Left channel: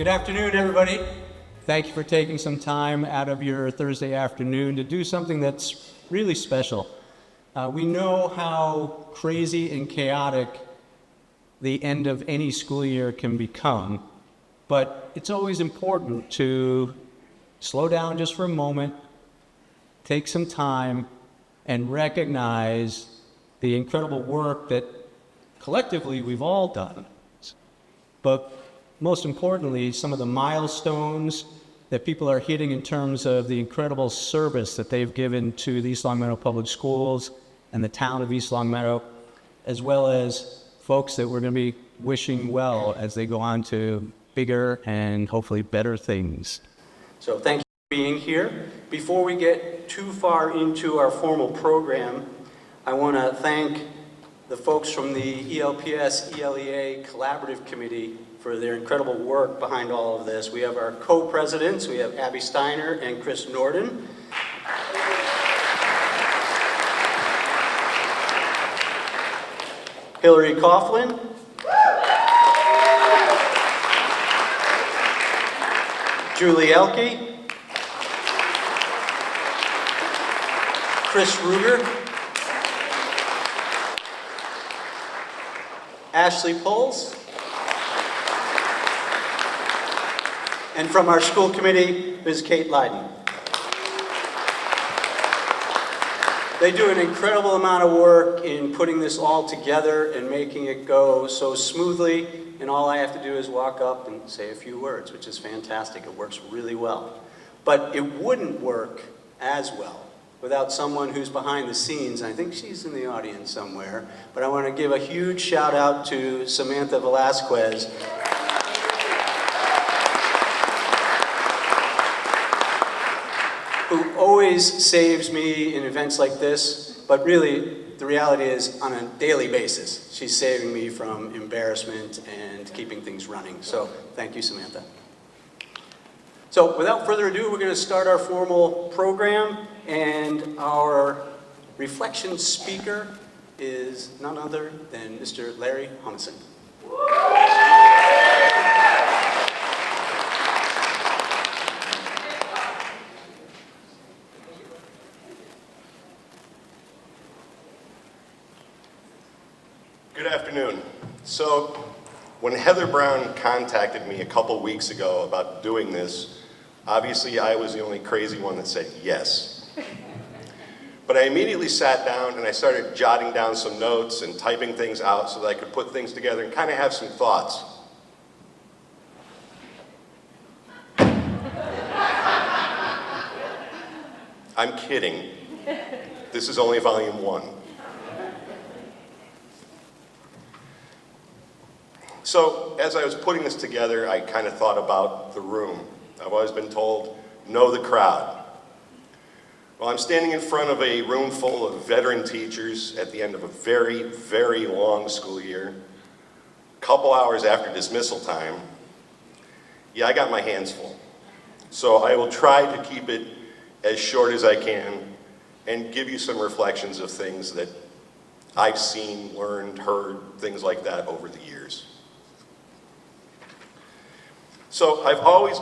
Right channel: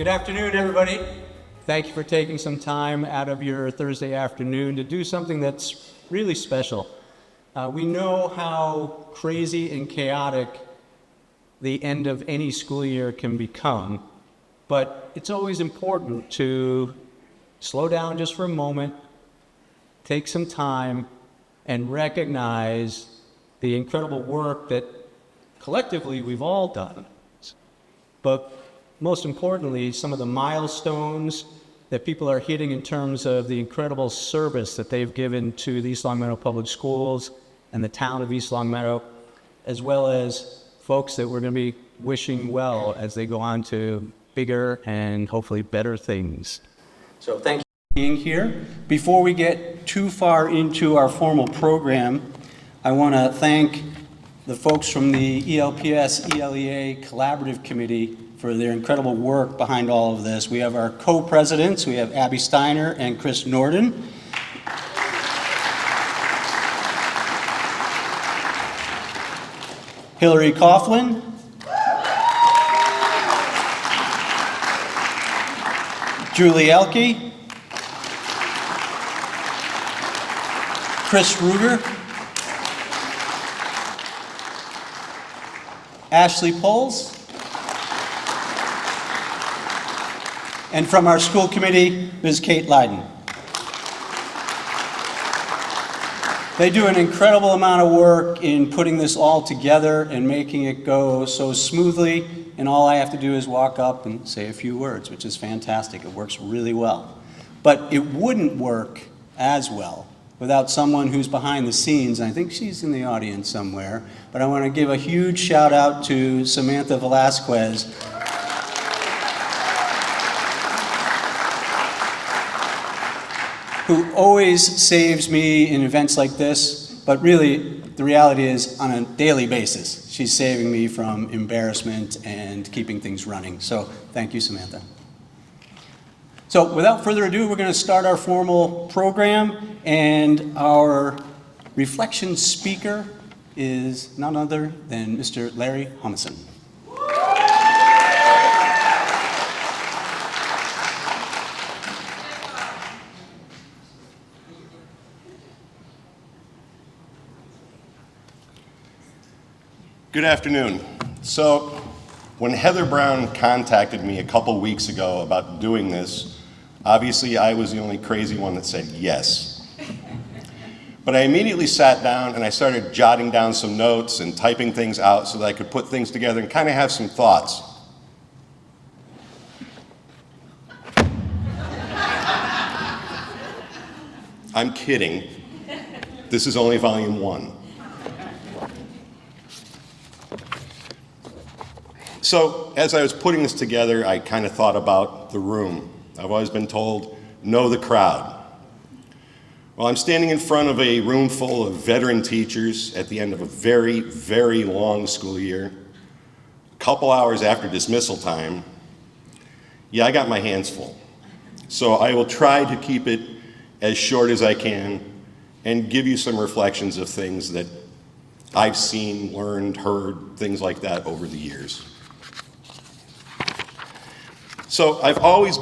Good afternoon, everybody. Thank you for taking some time out of your Thursday afternoon to do something that's really special. We know how crazy and chaotic the end of any school year can become, but it's always important to slow down just for a moment, take some time, and recognize the incredible work that collectively we've all done. But most importantly, some of the milestones that people are hitting in terms of the incredible service that they've given to the East Longmeadow Public Schools and the town of East Longmeadow, as well as folks that we're going to be wishing well as they go on to bigger and hopefully better things. So thank you for being here. Before we get too far into our formal program, I want to thank the folks from the ELPS ELEA Collaborative Committee for their incredible work behind all of this. We have our co-presidents. We have Abby Steiner and Chris Norden. Hillary Coughlin. Julie Elke. Chris Ruger. Ashley Poles. And from our school committee, Ms. Kate Lyden. They do an incredible amount of work in putting this all together and making it go so smoothly, and all I have to do is walk up and say a few words, which is fantastic. It works really well. But it wouldn't work as well without someone who's behind the scenes. I think she's in the audience somewhere, but I want to give a huge shout out to Samantha Velasquez. Who always saves me in events like this, but really the reality is on a daily basis. She's saving me from embarrassment and keeping things running. So thank you, Samantha. So without further ado, we're going to start our formal program, and our reflection speaker is none other than Mr. Larry Humison. Good afternoon. So when Heather Brown contacted me a couple weeks ago about doing this, obviously I was the only crazy one that said yes. But I immediately sat down and I started jotting down some notes and typing things out so that I could put things together and kind of have some thoughts. I'm kidding. This is only volume 1. So as I was putting this together, I kind of thought about the room. I've always been told, know the crowd. Well, I'm standing in front of a room full of veteran teachers at the end of a very, very long school year. A couple hours after dismissal time. Yeah, I got my hands full. So I will try to keep it as short as I can and give you some reflections of things that I've seen, learned, heard, things like that over the years. So there's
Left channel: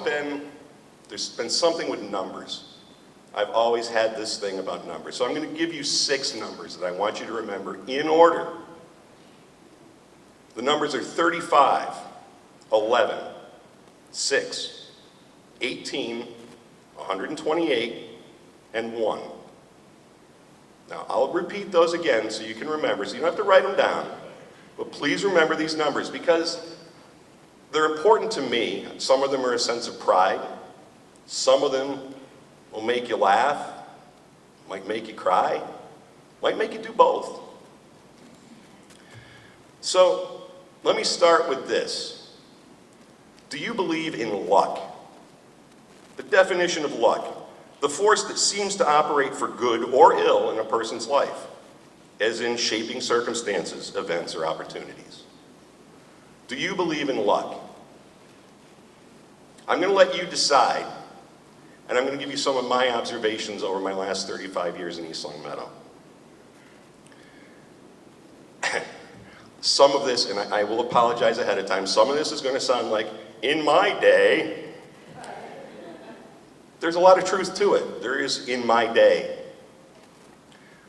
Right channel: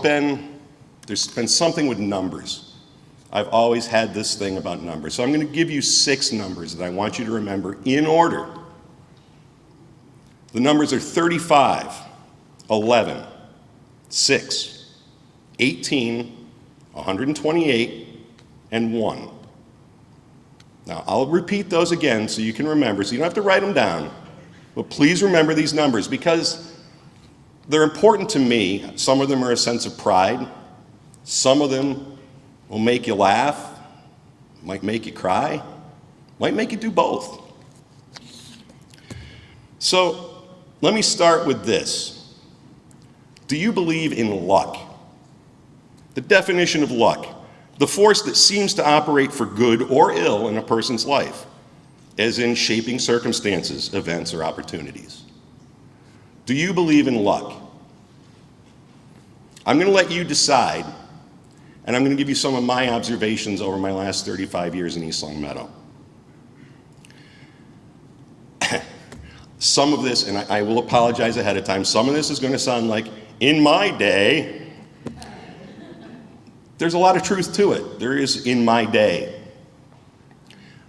been something with numbers. I've always had this thing about numbers. So I'm going to give you 6 numbers that I want you to remember in order. The numbers are 35, 11, 6, 18, 128, and 1. Now I'll repeat those again so you can remember, so you don't have to write them down. But please remember these numbers because they're important to me. Some of them are a sense of pride. Some of them will make you laugh, might make you cry, might make you do both. So let me start with this. Do you believe in luck? The definition of luck, the force that seems to operate for good or ill in a person's life, as in shaping circumstances, events, or opportunities. Do you believe in luck? I'm going to let you decide, and I'm going to give you some of my observations over my last 35 years in East Longmeadow. Some of this, and I will apologize ahead of time, some of this is going to sound like in my day, there's a lot of truth to it. There is in my day.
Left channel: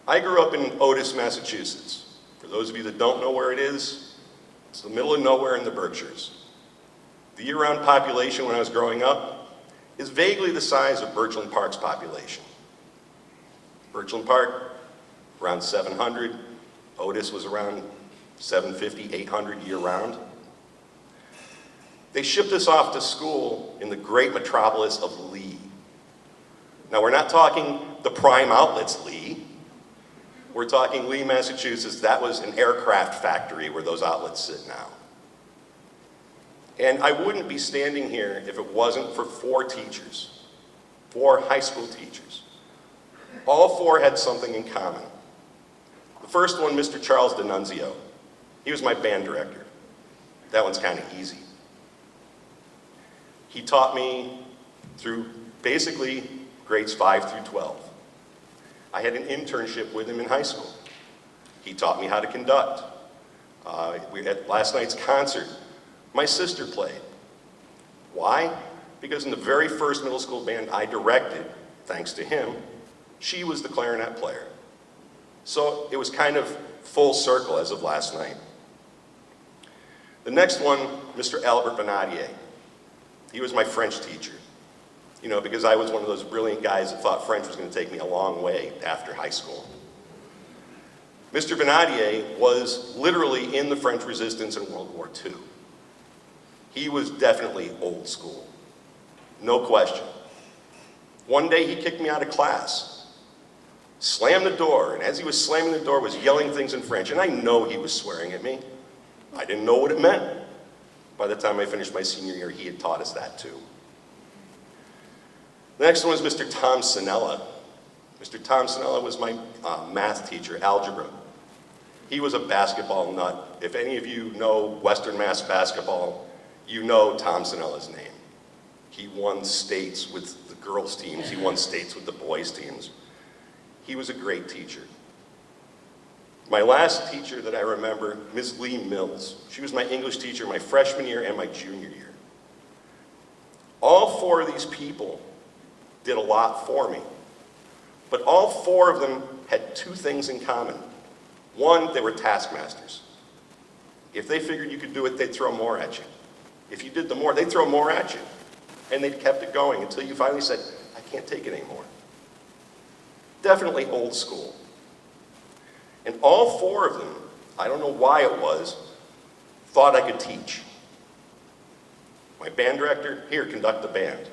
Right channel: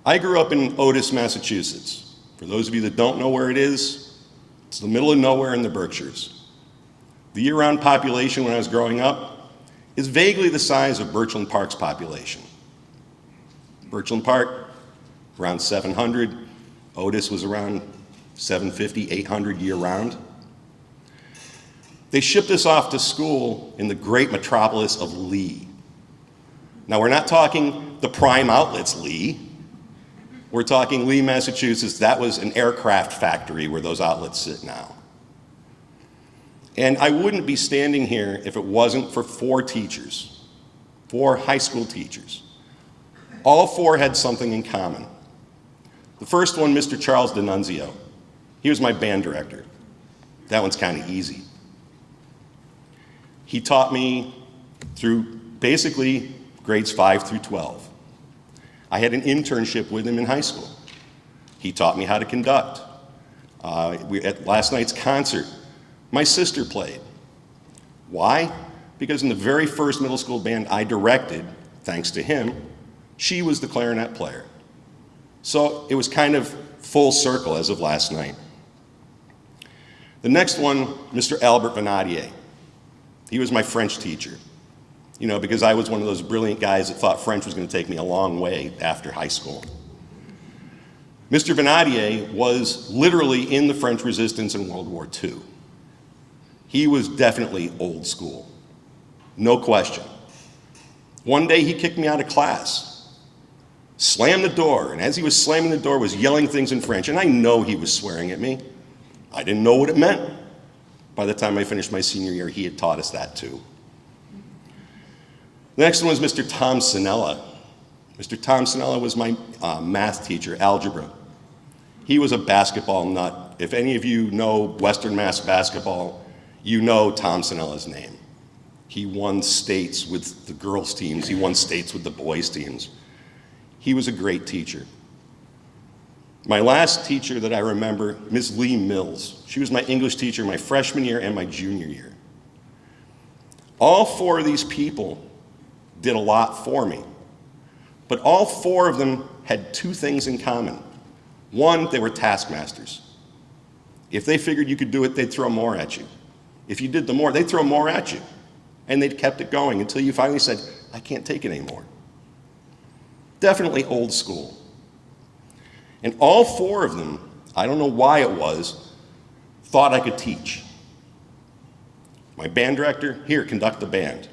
I grew up in Otis, Massachusetts. For those of you that don't know where it is, it's the middle of nowhere in the Berkshires. The year-round population when I was growing up is vaguely the size of Birchland Park's population. Birchland Park, around 700. Otis was around 750, 800 year-round. They shipped us off to school in the great metropolis of Lee. Now, we're not talking the prime outlets Lee. We're talking Lee, Massachusetts. That was an aircraft factory where those outlets sit now. And I wouldn't be standing here if it wasn't for 4 teachers, 4 high school teachers. All 4 had something in common. The first one, Mr. Charles D'Annunzio. He was my band director. That one's kind of easy. He taught me through basically grades 5 through 12. I had an internship with him in high school. He taught me how to conduct. At last night's concert, my sister played. Why? Because in the very first middle school band I directed, thanks to him, she was the clarinet player. So it was kind of full circle as of last night. The next one, Mr. Albert Venadier. He was my French teacher. You know, because I was one of those brilliant guys that thought French was going to take me a long way after high school. Mr. Venadier was literally in the French resistance in World War II. He was definitely old school, no question. One day he kicked me out of class, slammed the door, and as he was slamming the door was yelling things in French, and I know he was swearing at me. I didn't know what it meant. By the time I finished my senior year, he had taught us that too. The next one was Mr. Tom Sinella. Mr. Tom Sinella was my math teacher, algebra. He was a basketball nut. If any of you know Western Mass basketball, you know Tom Sinella's name. He won states with the girls' teams. He won states with the boys' teams. He was a great teacher. My last teacher that I remember, Ms. Lee Mills. She was my English teacher my freshman year and my junior year. All 4 of these people did a lot for me. But all 4 of them had 2 things in common. One, they were taskmasters. If they figured you could do it, they'd throw more at you. If you did the more, they'd throw more at you. And they'd kept it going until you finally said, I can't take it anymore. Definitely old school. And all 4 of them, I don't know why it was, thought I could teach. My band director, here, conduct the band.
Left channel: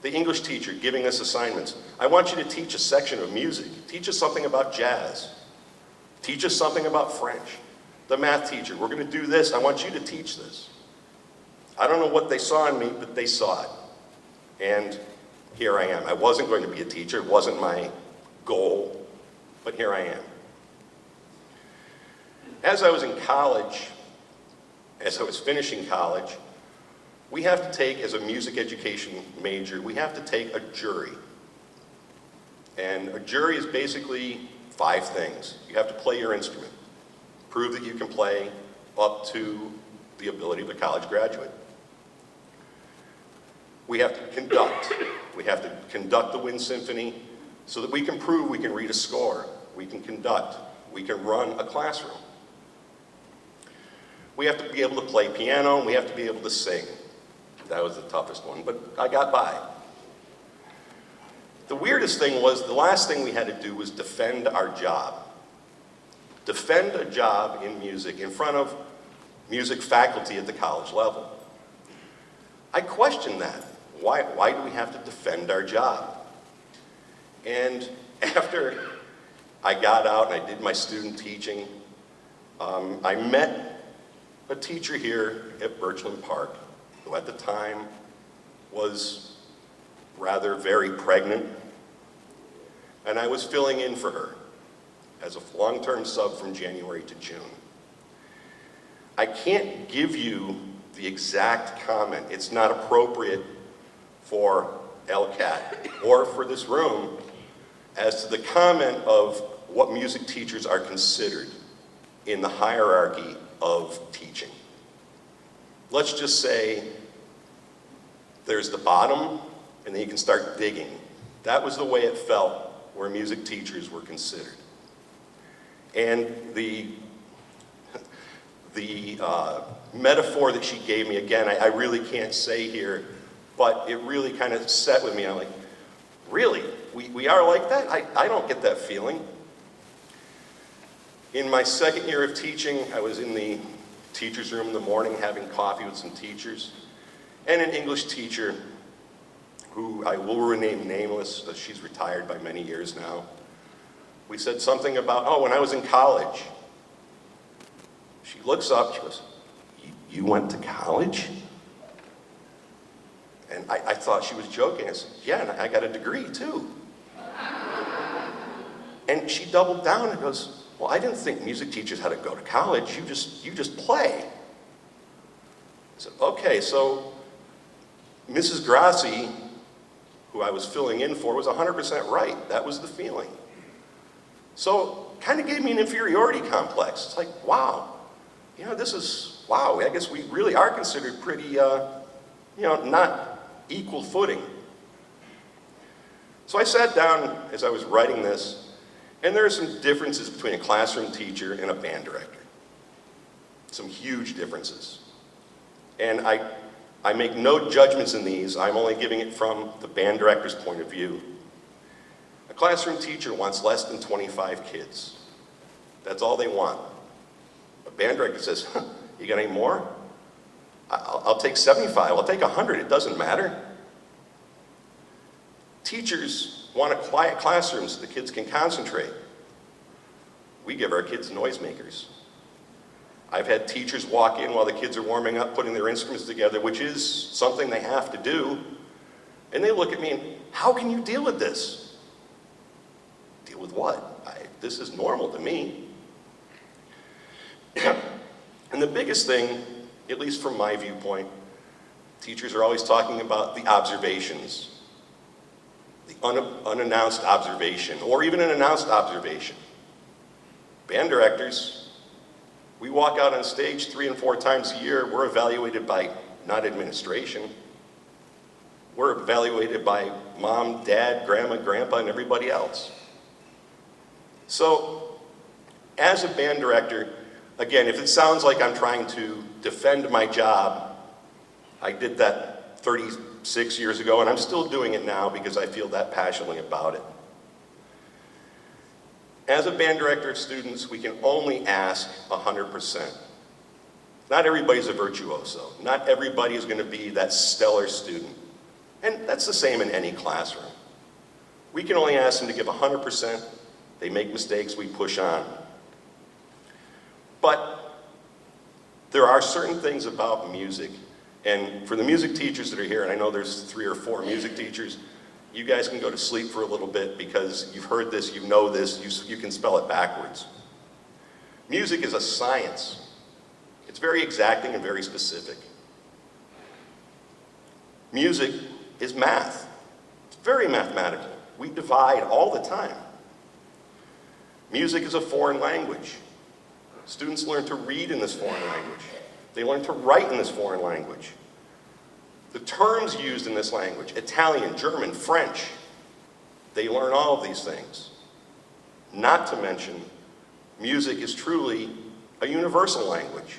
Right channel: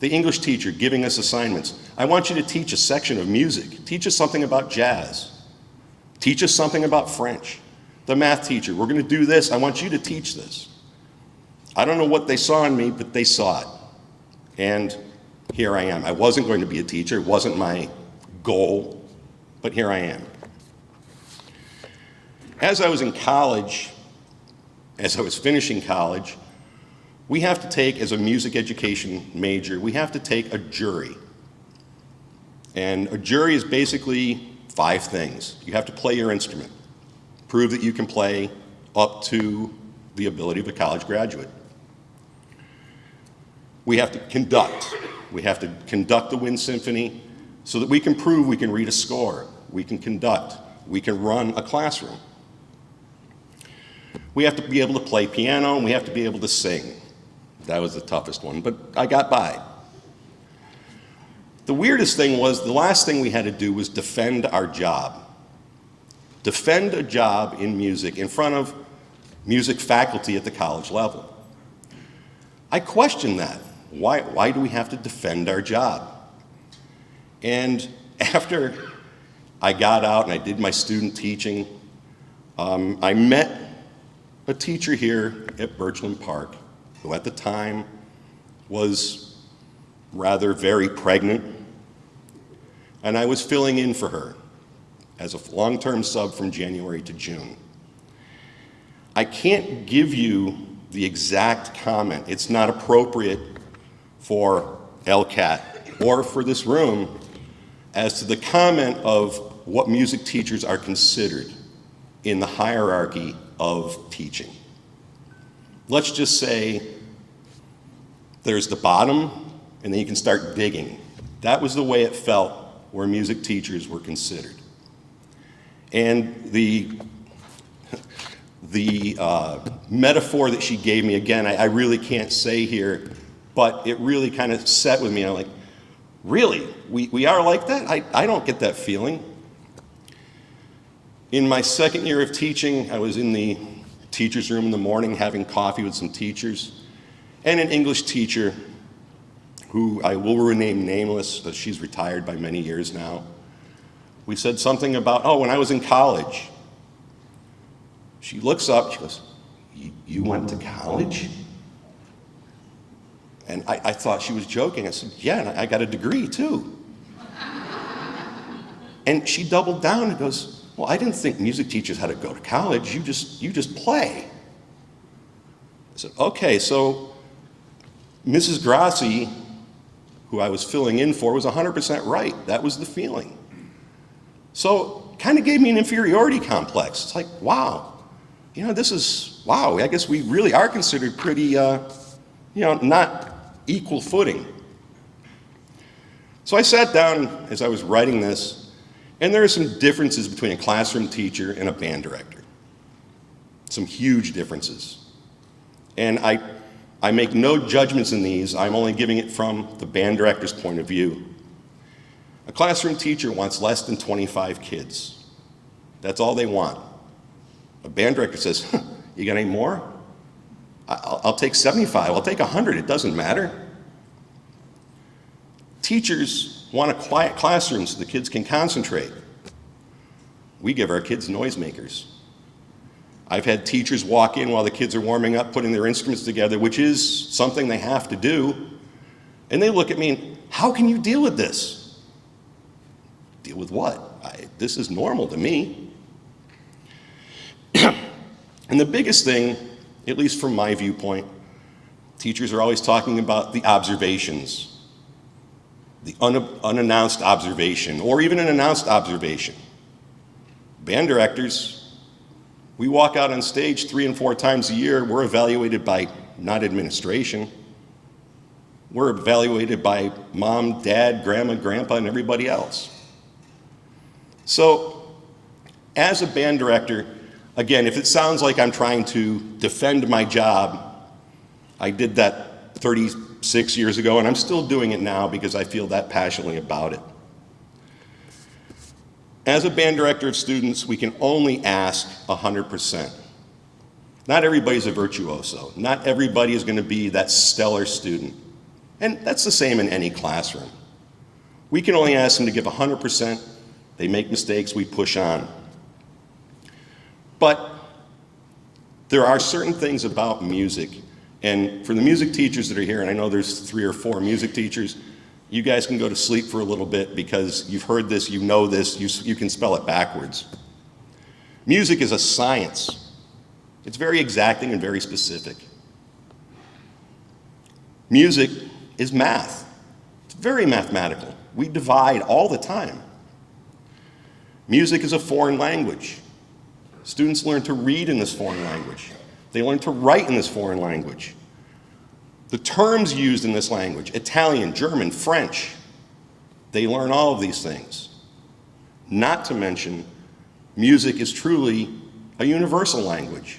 The English teacher giving us assignments. I want you to teach a section of music. Teach us something about jazz. Teach us something about French. The math teacher, we're going to do this. I want you to teach this. I don't know what they saw in me, but they saw it. And here I am. I wasn't going to be a teacher. It wasn't my goal, but here I am. As I was in college, as I was finishing college, we have to take, as a music education major, we have to take a jury. And a jury is basically 5 things. You have to play your instrument, prove that you can play up to the ability of a college graduate. We have to conduct. We have to conduct the Wind Symphony so that we can prove we can read a score, we can conduct, we can run a classroom. We have to be able to play piano, and we have to be able to sing. That was the toughest one, but I got by. The weirdest thing was the last thing we had to do was defend our job. Defend a job in music in front of music faculty at the college level. I questioned that. Why do we have to defend our job? And after I got out and I did my student teaching, I met a teacher here at Birchland Park who at the time was rather very pregnant, and I was filling in for her as a long-term sub from January to June. I can't give you the exact comment. It's not appropriate for LCAT or for this room as to the comment of what music teachers are considered in the hierarchy of teaching. Let's just say there's the bottom, and then you can start digging. That was the way it felt where music teachers were considered. And the metaphor that she gave me, again, I really can't say here, but it really kind of set with me. I'm like, really? We are like that? I don't get that feeling. In my second year of teaching, I was in the teacher's room in the morning having coffee with some teachers, and an English teacher who I will rename nameless, she's retired by many years now. We said something about, oh, when I was in college. She looks up, she goes, you went to college? And I thought she was joking. I said, yeah, and I got a degree too. And she doubled down and goes, well, I didn't think music teachers had to go to college. You just play. I said, okay, so Mrs. Grassi, who I was filling in for, was 100% right. That was the feeling. So kind of gave me an inferiority complex. It's like, wow, wow, I guess we really are considered pretty, not equal footing. So I sat down as I was writing this, and there are some differences between a classroom teacher and a band director. Some huge differences. And I make no judgments in these. I'm only giving it from the band director's point of view. A classroom teacher wants less than 25 kids. That's all they want. A band director says, you got any more? I'll take 75, I'll take 100, it doesn't matter. Teachers want a quiet classroom so the kids can concentrate. We give our kids noisemakers. I've had teachers walk in while the kids are warming up, putting their instruments together, which is something they have to do, and they look at me and, how can you deal with this? Deal with what? This is normal to me. And the biggest thing, at least from my viewpoint, teachers are always talking about the observations, the unannounced observation, or even an announced observation. Band directors, we walk out on stage 3 and 4 times a year. We're evaluated by not administration. We're evaluated by mom, dad, grandma, grandpa, and everybody else. So, as a band director, again, if it sounds like I'm trying to defend my job, I did that 36 years ago, and I'm still doing it now because I feel that passionately about it. As a band director of students, we can only ask 100%. Not everybody's a virtuoso. Not everybody is going to be that stellar student. And that's the same in any classroom. We can only ask them to give 100%. They make mistakes, we push on. But there are certain things about music, and for the music teachers that are here, and I know there's 3 or 4 music teachers, you guys can go to sleep for a little bit because you've heard this, you know this, you can spell it backwards. Music is a science. It's very exacting and very specific. Music is math. It's very mathematical. We divide all the time. Music is a foreign language. Students learn to read in this foreign language. They learn to write in this foreign language. The terms used in this language, Italian, German, French, they learn all of these things. Not to mention, music is truly a universal language.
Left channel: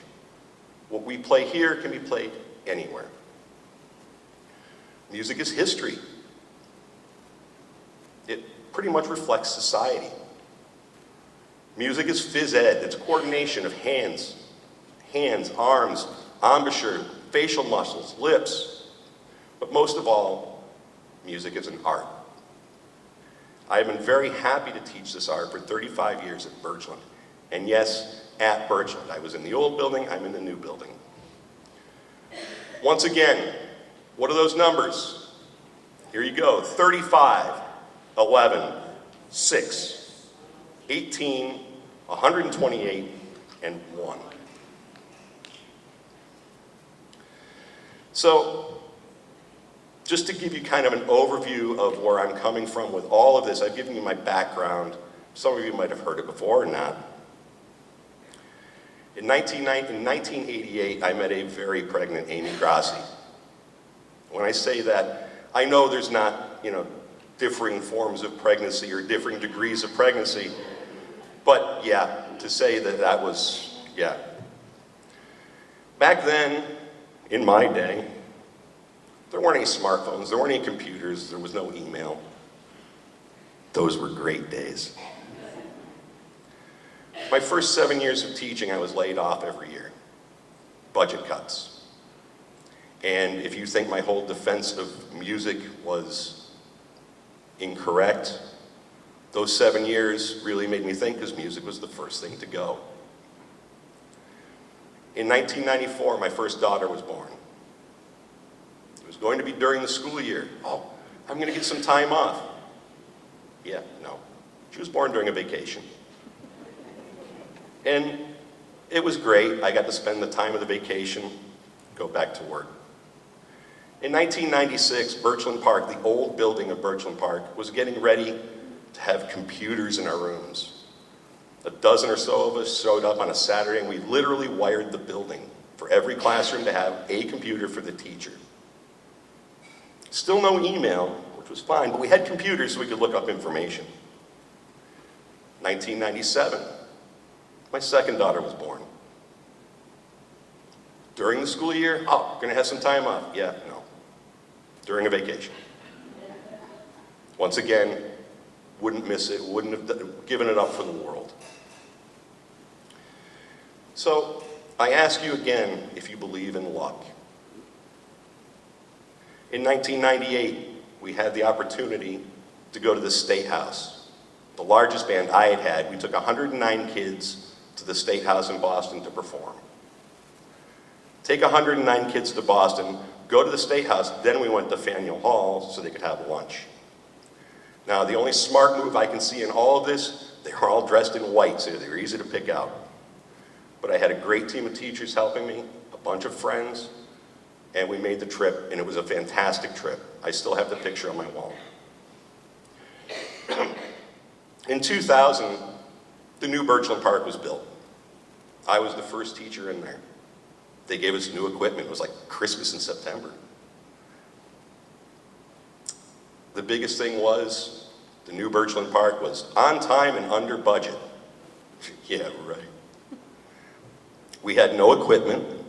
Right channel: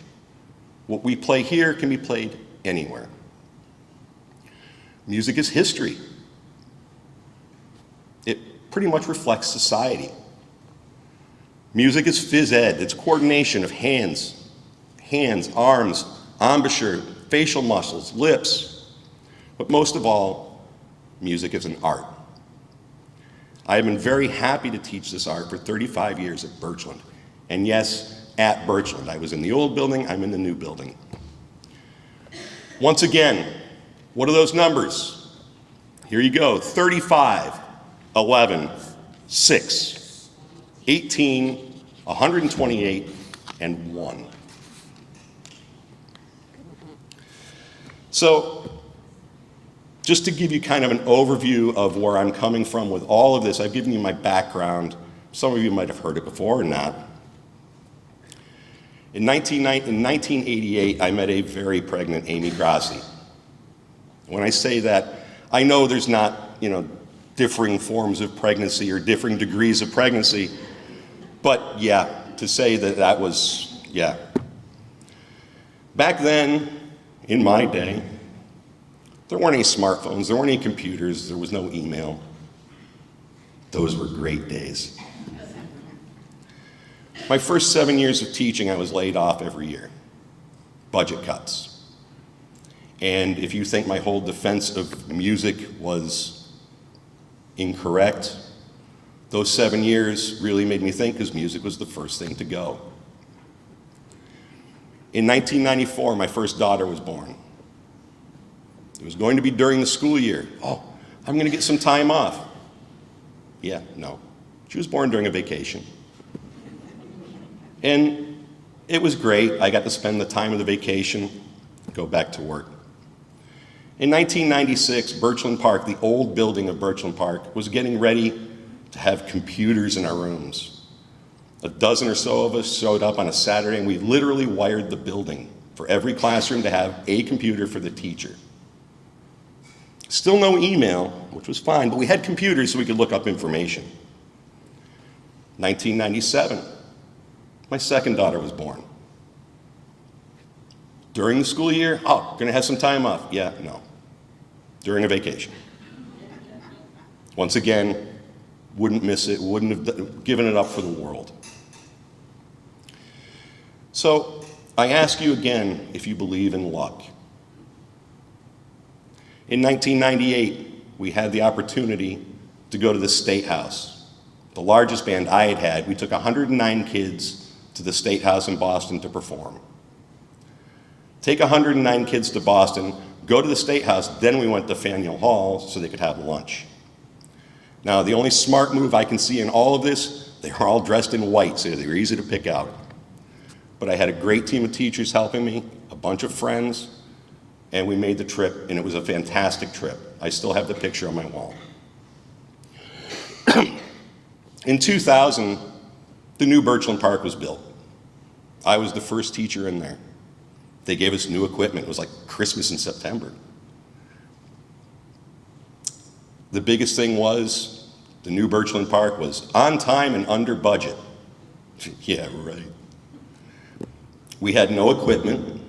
What we play here can be played anywhere. Music is history. It pretty much reflects society. Music is phys ed. It's coordination of hands, arms, embouchure, facial muscles, lips. But most of all, music is an art. I have been very happy to teach this art for 35 years at Birchland. And yes, at Birchland. I was in the old building, I'm in the new building. Once again, what are those numbers? Here you go, 35, 11, 6, 18, 128, and 1. So, just to give you kind of an overview of where I'm coming from with all of this, I've given you my background. Some of you might have heard it before or not. In 1988, I met a very pregnant Amy Grassi. When I say that, I know there's not, differing forms of pregnancy or differing degrees of pregnancy, but yeah, to say that was, yeah. Back then, in my day, there weren't any smartphones, there weren't any computers, there was no email. Those were great days. My first 7 years of teaching, I was laid off every year. Budget cuts. And if you think my whole defense of music was incorrect, those 7 years really made me think, because music was the first thing to go. In 1994, my first daughter was born. It was going to be during the school year. Oh, I'm going to get some time off. Yeah, no. She was born during a vacation. And it was great. I got to spend the time of the vacation, go back to work. In 1996, Birchland Park, the old building of Birchland Park, was getting ready to have computers in our rooms. A dozen or so of us showed up on a Saturday, and we literally wired the building for every classroom to have a computer for the teacher. Still no email, which was fine, but we had computers so we could look up information. 1997, my second daughter was born. During the school year, oh, gonna have some time off. Yeah, no. During a vacation. Once again, wouldn't miss it, wouldn't have given it up for the world. So, I ask you again if you believe in luck. In 1998, we had the opportunity to go to the State House. The largest band I had had. We took 109 kids to the State House in Boston to perform. Take 109 kids to Boston, go to the State House, then we went to Faneuil Hall so they could have lunch. Now, the only smart move I can see in all of this, they were all dressed in white, so they were easy to pick out. But I had a great team of teachers helping me, a bunch of friends, and we made the trip, and it was a fantastic trip. I still have the picture on my wall. In 2000, the new Birchland Park was built. I was the first teacher in there. They gave us new equipment. It was like Christmas in September. The biggest thing was the new Birchland Park was on time and under budget. Yeah, right. We had no equipment.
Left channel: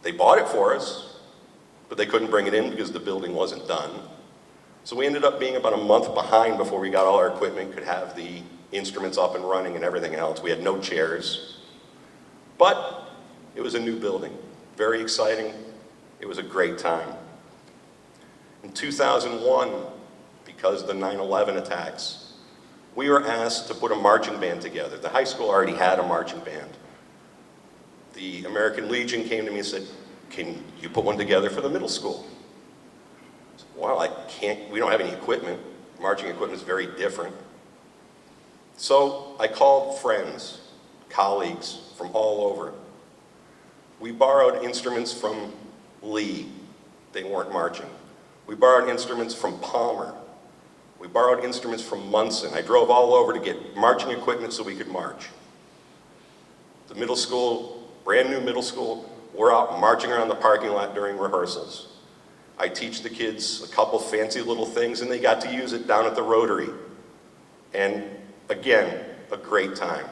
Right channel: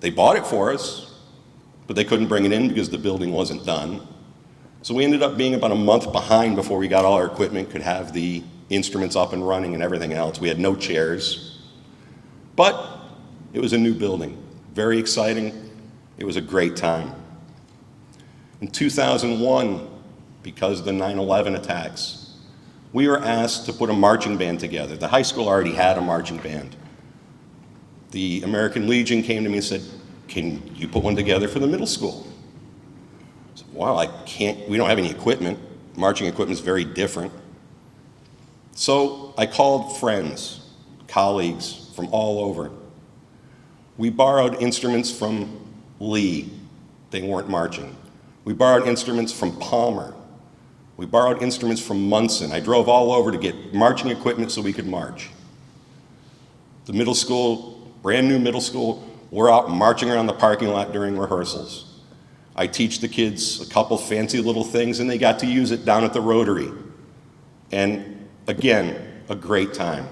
They bought it for us, but they couldn't bring it in because the building wasn't done. So we ended up being about a month behind before we got all our equipment, could have the instruments up and running and everything else. We had no chairs. But it was a new building. Very exciting. It was a great time. In 2001, because of the 9/11 attacks, we were asked to put a marching band together. The high school already had a marching band. The American Legion came to me and said, "Can you put one together for the middle school?" I said, "Well, I can't, we don't have any equipment. Marching equipment is very different." So I called friends, colleagues from all over. We borrowed instruments from Lee. They weren't marching. We borrowed instruments from Palmer. We borrowed instruments from Munson. I drove all over to get marching equipment so we could march. The middle school, brand new middle school, we're out marching around the parking lot during rehearsals. I teach the kids a couple fancy little things, and they got to use it down at the Rotary. And again, a great time.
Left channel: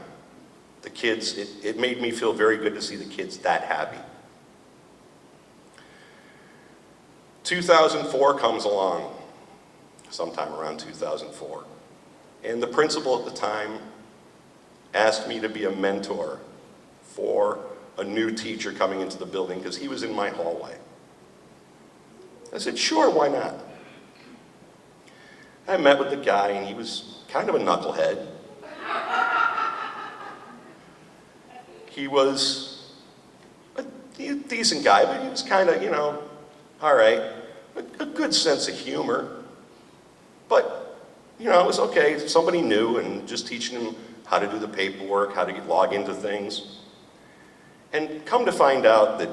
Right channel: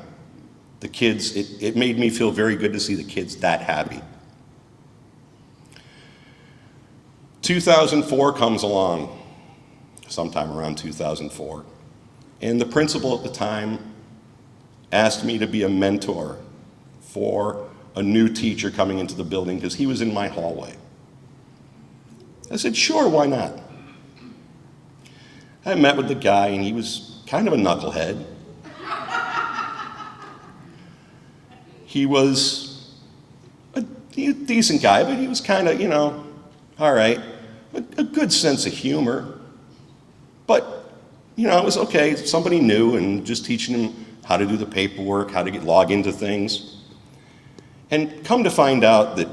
The kids, it made me feel very good to see the kids that happy. 2004 comes along, sometime around 2004, and the principal at the time asked me to be a mentor for a new teacher coming into the building because he was in my hallway. I said, "Sure, why not?" I met with the guy, and he was kind of a knucklehead. He was a decent guy, but he was kind of, all right, a good sense of humor. But, it was okay, somebody new, and just teaching him how to do the paperwork, how to log into things. And come to find out that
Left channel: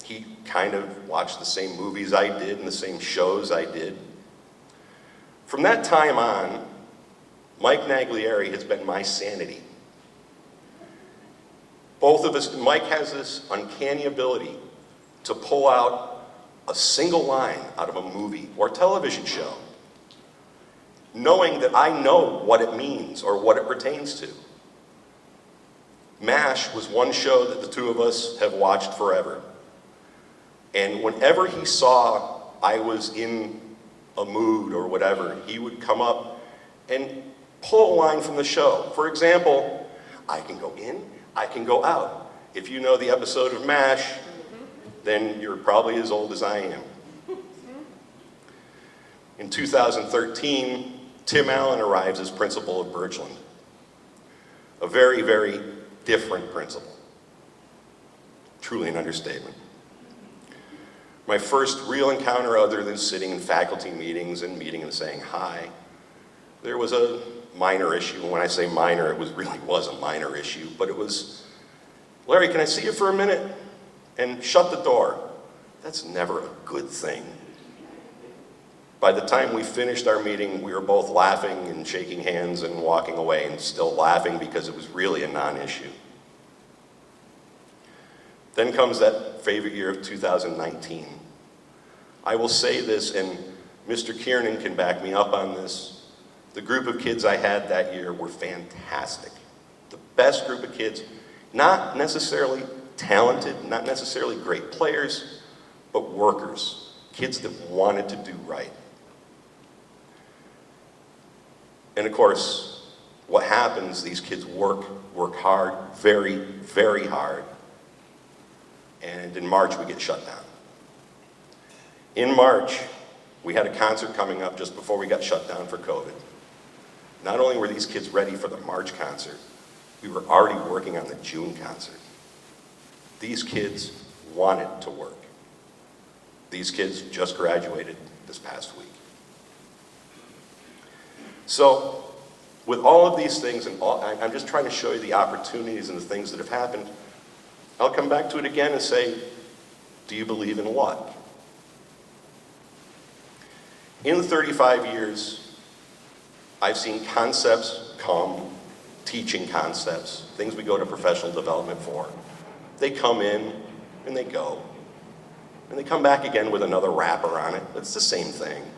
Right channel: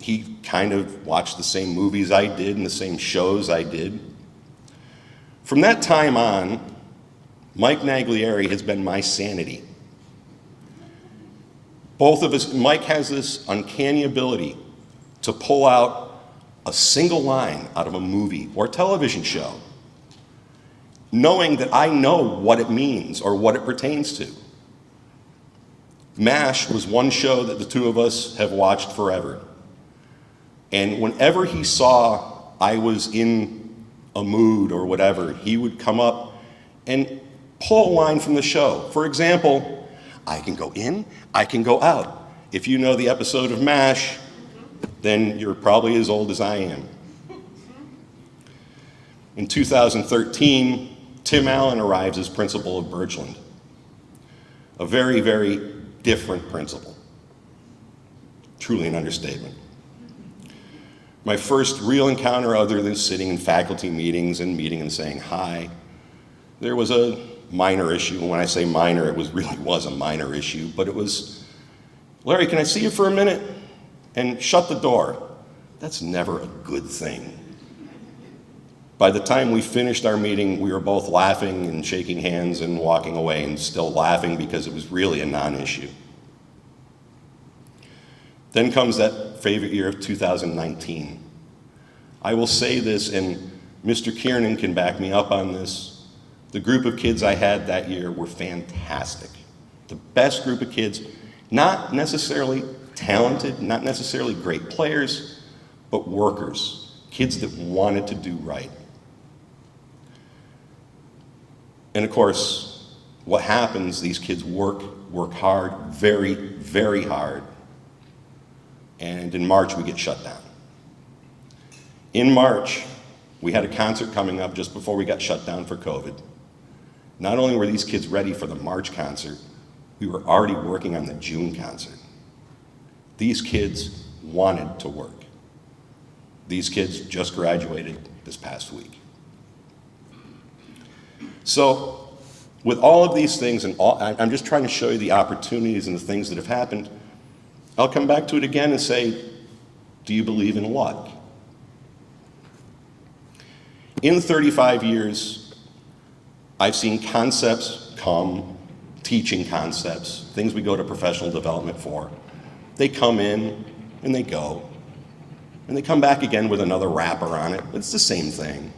he kind of watched the same movies I did and the same shows I did. From that time on, Mike Naglieri has been my sanity. Both of us, Mike has this uncanny ability to pull out a single line out of a movie or television show, knowing that I know what it means or what it pertains to. MASH was one show that the two of us have watched forever. And whenever he saw I was in a mood or whatever, he would come up and pull a line from the show. For example, I can go in, I can go out. If you know the episode of MASH, then you're probably as old as I am. In 2013, Tim Allen arrives as principal of Birchland. A very, very different principal. Truly an understatement. My first real encounter, other than sitting in faculty meetings and meeting and saying hi, there was a minor issue. When I say minor, it really was a minor issue, but it was, Larry, can I see you for a minute? And shut the door. That's never a good thing. By the time we finished our meeting, we were both laughing and shaking hands and walking away and still laughing because it was really a non-issue. Then comes that favorite year of 2019. I will say this, and Mr. Kiernan can back me up on this. The group of kids I had that year were fantastic. The best group of kids, not necessarily talented, not necessarily great players, but workers, kids that wanted to do right. And of course, what happens, these kids work hard, very, very hard. And in March, we get shut down. In March, we had a concert coming up just before we got shut down for COVID. Not only were these kids ready for the March concert, we were already working on the June concert. These kids wanted to work. These kids just graduated this past week. So, with all of these things, and I'm just trying to show you the opportunities and the things that have happened. I'll come back to it again and say, do you believe in luck? In 35 years, I've seen concepts come, teaching concepts, things we go to professional development for. They come in and they go, and they come back again with another wrapper on it. It's the same thing.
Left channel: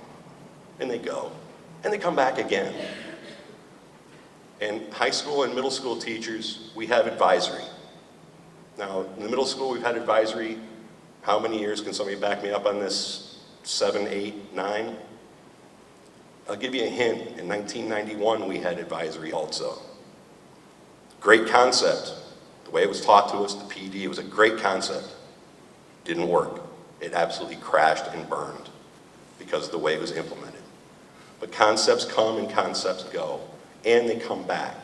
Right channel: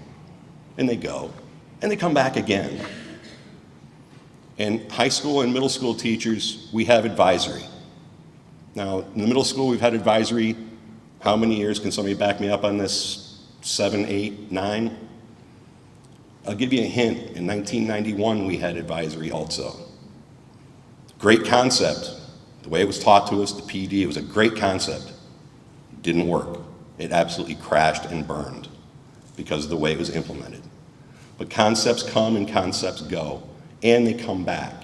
And they go, and they come back again. And high school and middle school teachers, we have advisory. Now, in the middle school, we've had advisory. How many years? Can somebody back me up on this? 7, 8, 9? I'll give you a hint. In 1991, we had advisory also. Great concept. The way it was taught to us, the PD, it was a great concept. Didn't work. It absolutely crashed and burned because of the way it was implemented. But concepts come and concepts go, and they come back.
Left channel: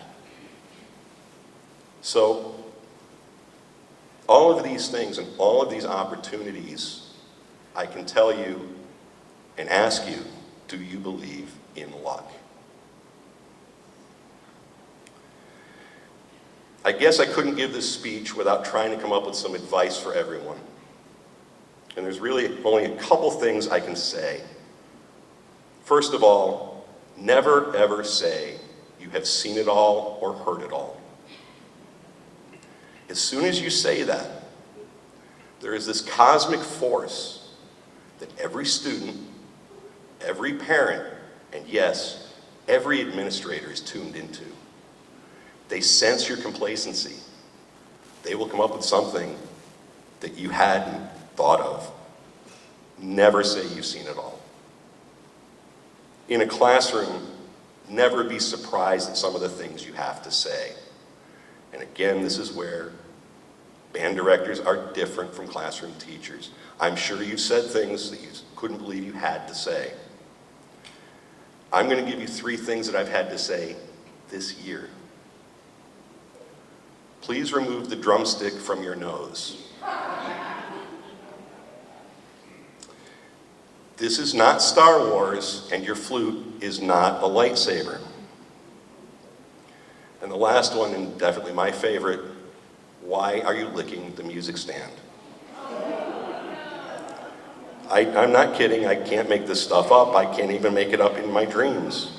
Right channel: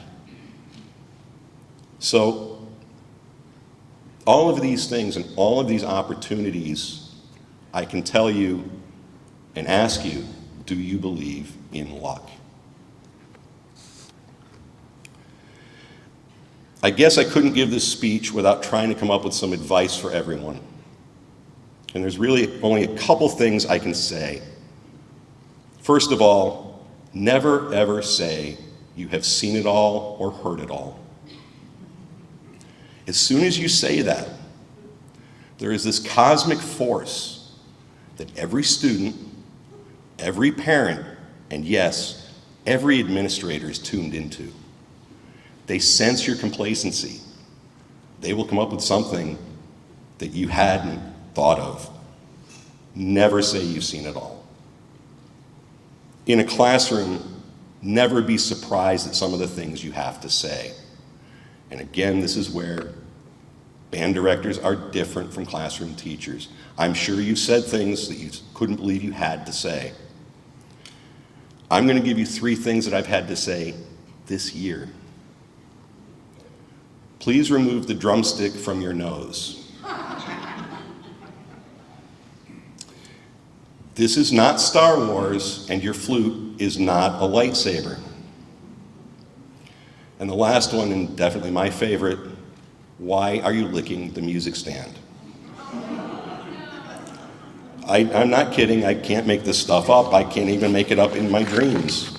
So, all of these things and all of these opportunities, I can tell you and ask you, do you believe in luck? I guess I couldn't give this speech without trying to come up with some advice for everyone. And there's really only a couple things I can say. First of all, never ever say you have seen it all or heard it all. As soon as you say that, there is this cosmic force that every student, every parent, and yes, every administrator is tuned into. They sense your complacency. They will come up with something that you hadn't thought of. Never say you've seen it all. In a classroom, never be surprised at some of the things you have to say. And again, this is where band directors are different from classroom teachers. I'm sure you said things that you couldn't believe you had to say. I'm going to give you 3 things that I've had to say this year. Please remove the drumstick from your nose. This is not Star Wars, and your flute is not a lightsaber. And the last one, and definitely my favorite, why are you licking the music stand? I'm not kidding, I can't make this stuff up. I can't even make it up in my dreams.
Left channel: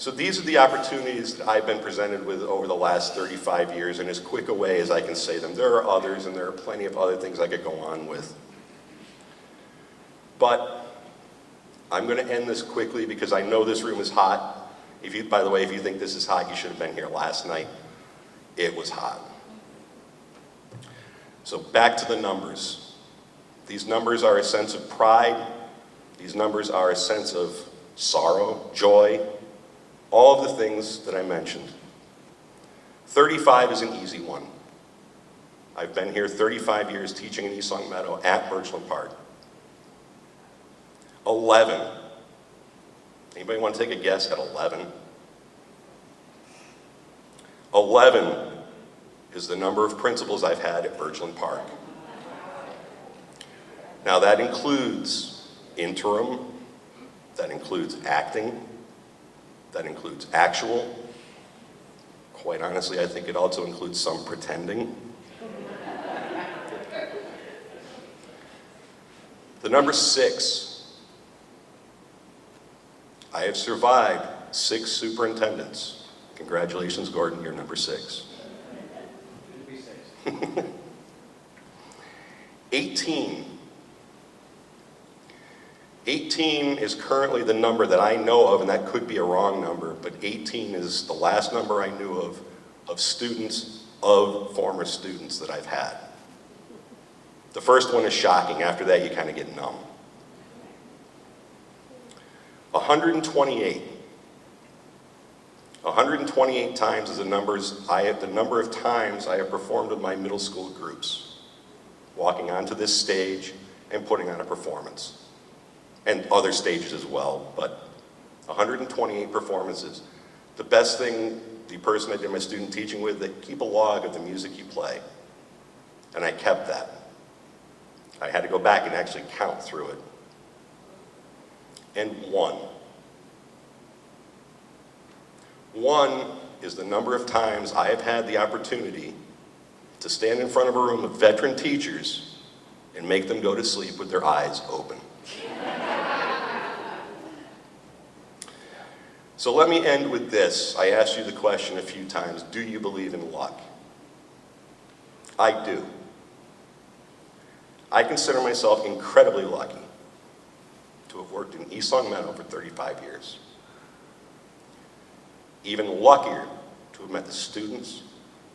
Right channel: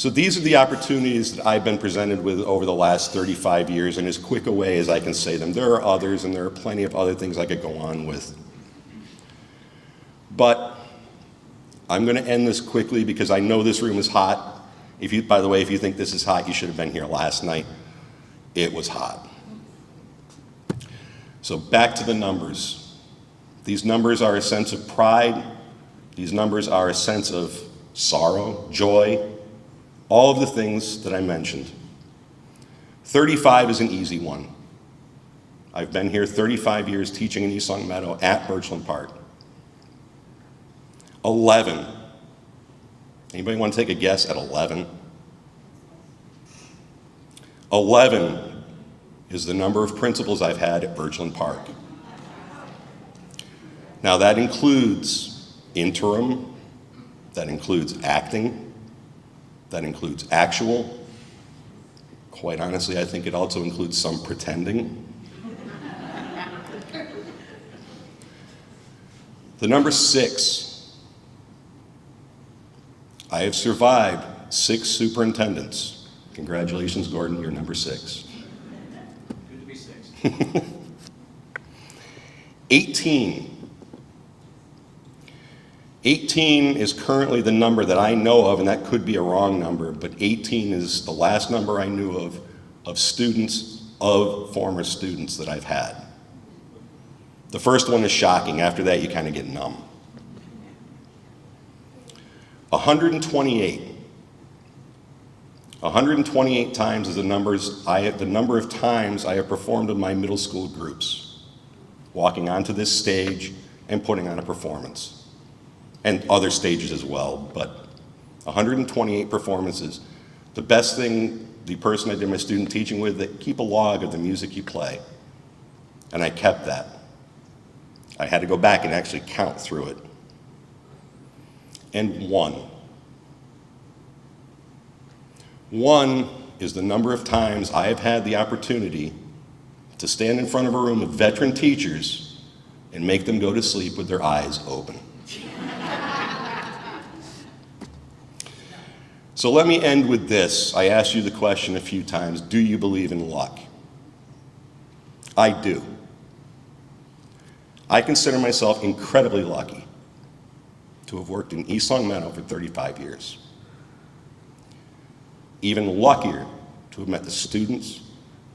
So these are the opportunities that I've been presented with over the last 35 years in as quick a way as I can say them. There are others, and there are plenty of other things I could go on with. But I'm going to end this quickly because I know this room is hot. By the way, if you think this is hot, you should have been here last night. It was hot. So back to the numbers. These numbers are a sense of pride. These numbers are a sense of sorrow, joy, all of the things that I mentioned. 35 is an easy one. I've been here 35 years teaching in East Long Meadow at Birchland Park. 11. Anybody want to take a guess at 11? 11 is the number of principals I've had at Birchland Park. Now that includes interim, that includes acting, that includes actual. Quite honestly, I think it also includes some pretending. The number 6. I have survived 6 superintendents. Congratulations, Gordon, you're number 6. 18. 18 is currently the number that I know of, and that could be a wrong number, but 18 is the last number I knew of students, of former students that I've had. The first one is shocking. After that, you kind of get numb. 128. 128 times is the number of times I have performed with my middle school groups, walking onto this stage and putting on a performance. And other stages as well, but 128 performances. The best thing, the person I did my student teaching with, they keep a log of the music you play. And I kept that. I had to go back and actually count through it. And 1. 1 is the number of times I have had the opportunity to stand in front of a room of veteran teachers and make them go to sleep with their eyes open. So let me end with this. I asked you the question a few times, do you believe in luck? I do. I consider myself incredibly lucky to have worked in East Long Meadow for 35 years. Even luckier to have met the students,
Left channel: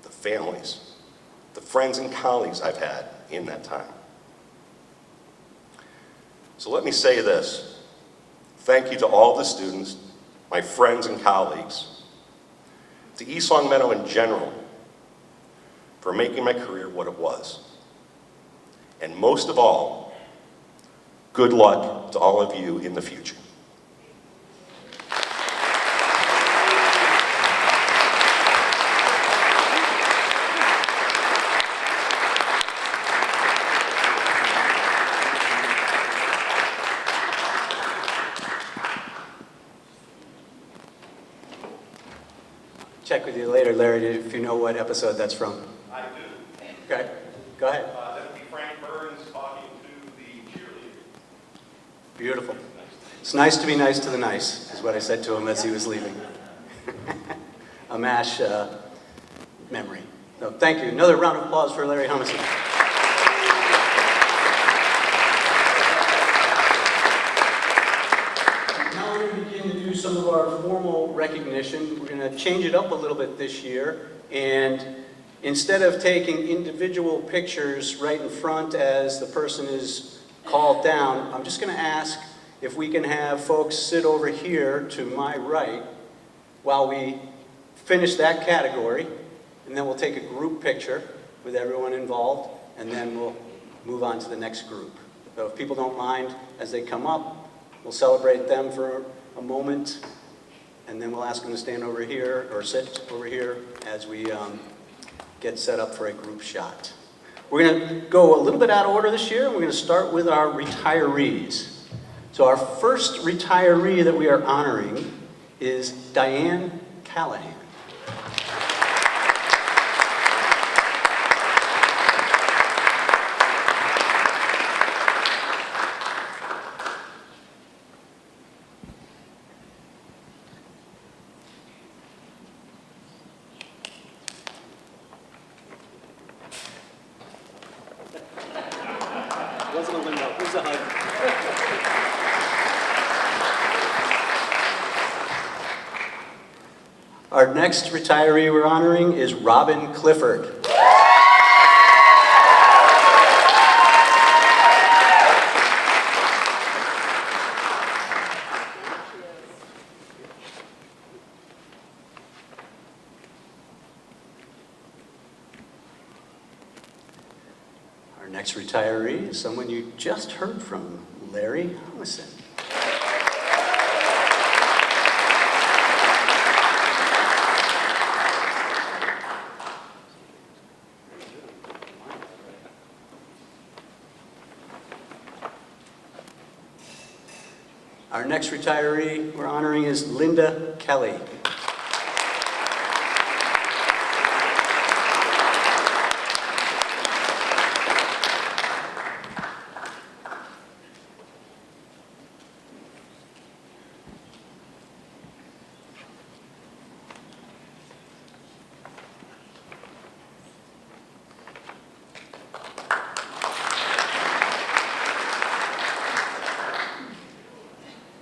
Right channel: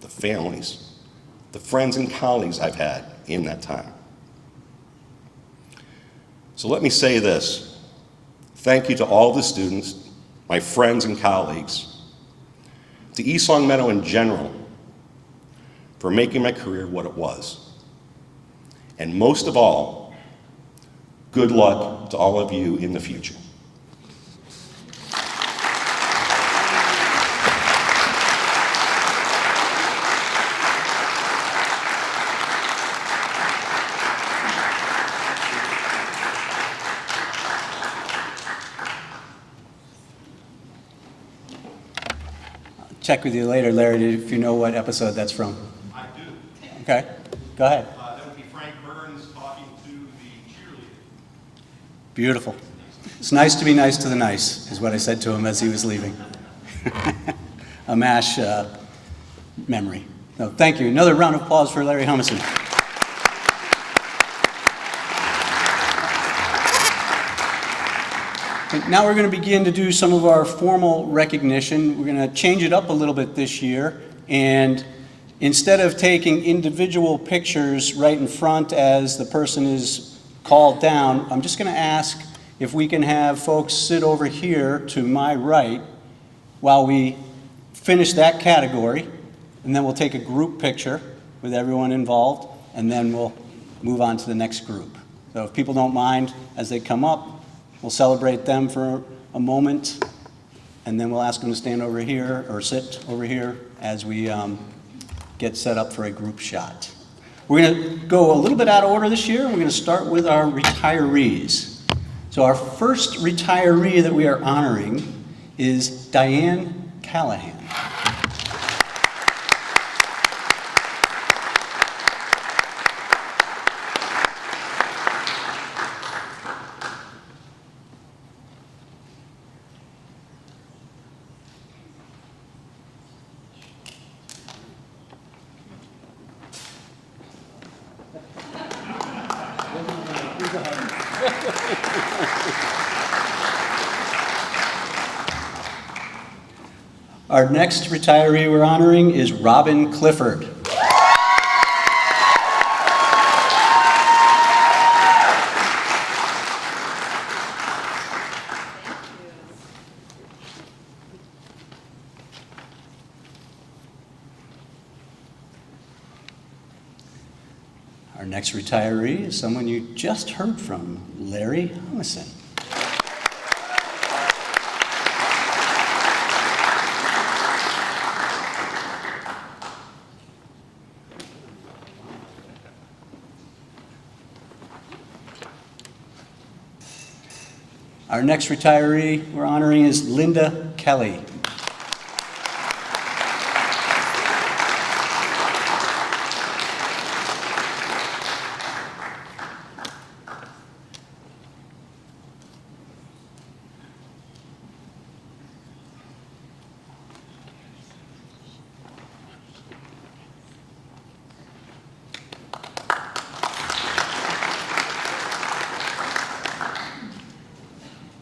the families, the friends and colleagues I've had in that time. So let me say this. Thank you to all the students, my friends and colleagues, to East Long Meadow in general, for making my career what it was. And most of all, good luck to all of you in the future. Check with you later, Larry, if you know what episode that's from. I do. Okay, go ahead. That would be Frank Burns talking to the cheerleader. Beautiful. It's nice to be nice to the nice, is what I said to him as he was leaving. A MASH memory. No, thank you. Another round of applause for Larry Humison. Now we're going to begin to do some of our formal recognition. We're going to change it up a little bit this year, and instead of taking individual pictures right in front as the person is called down, I'm just going to ask if we can have folks sit over here to my right while we finish that category, and then we'll take a group picture with everyone involved, and then we'll move on to the next group. So if people don't mind, as they come up, we'll celebrate them for a moment, and then we'll ask them to stand over here or sit over here as we get set up for a group shot. We're going to go a little bit out of order this year. We're going to start with our retirees. So our first retiree that we are honoring is Diane Callahan. Our next retiree we're honoring is Robin Clifford. Our next retiree is someone you just heard from, Larry Humison. Our next retiree we're honoring is Linda Kelly.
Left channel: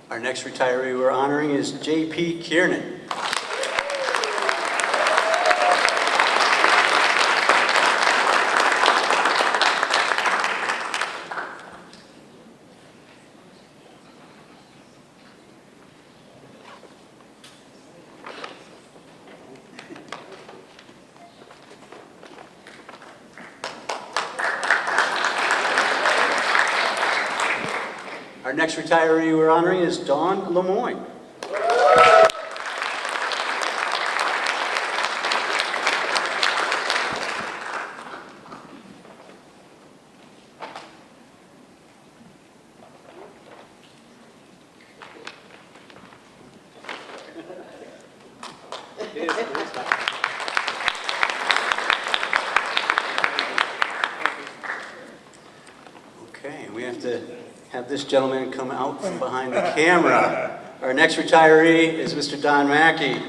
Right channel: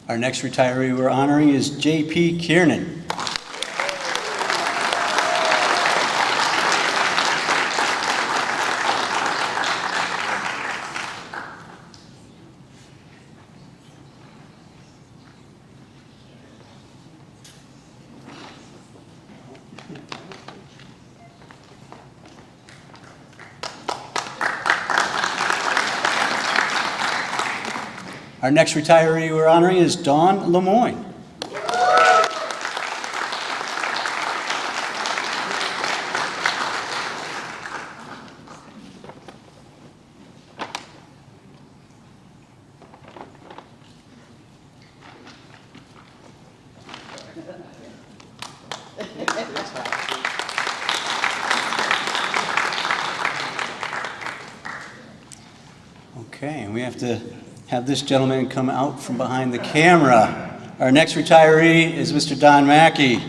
Our next retiree we're honoring is J.P. Kiernan. Our next retiree we're honoring is Dawn Lemoyne. Okay, we have to have this gentleman come out from behind the camera. Our next retiree is Mr. Don Mackey.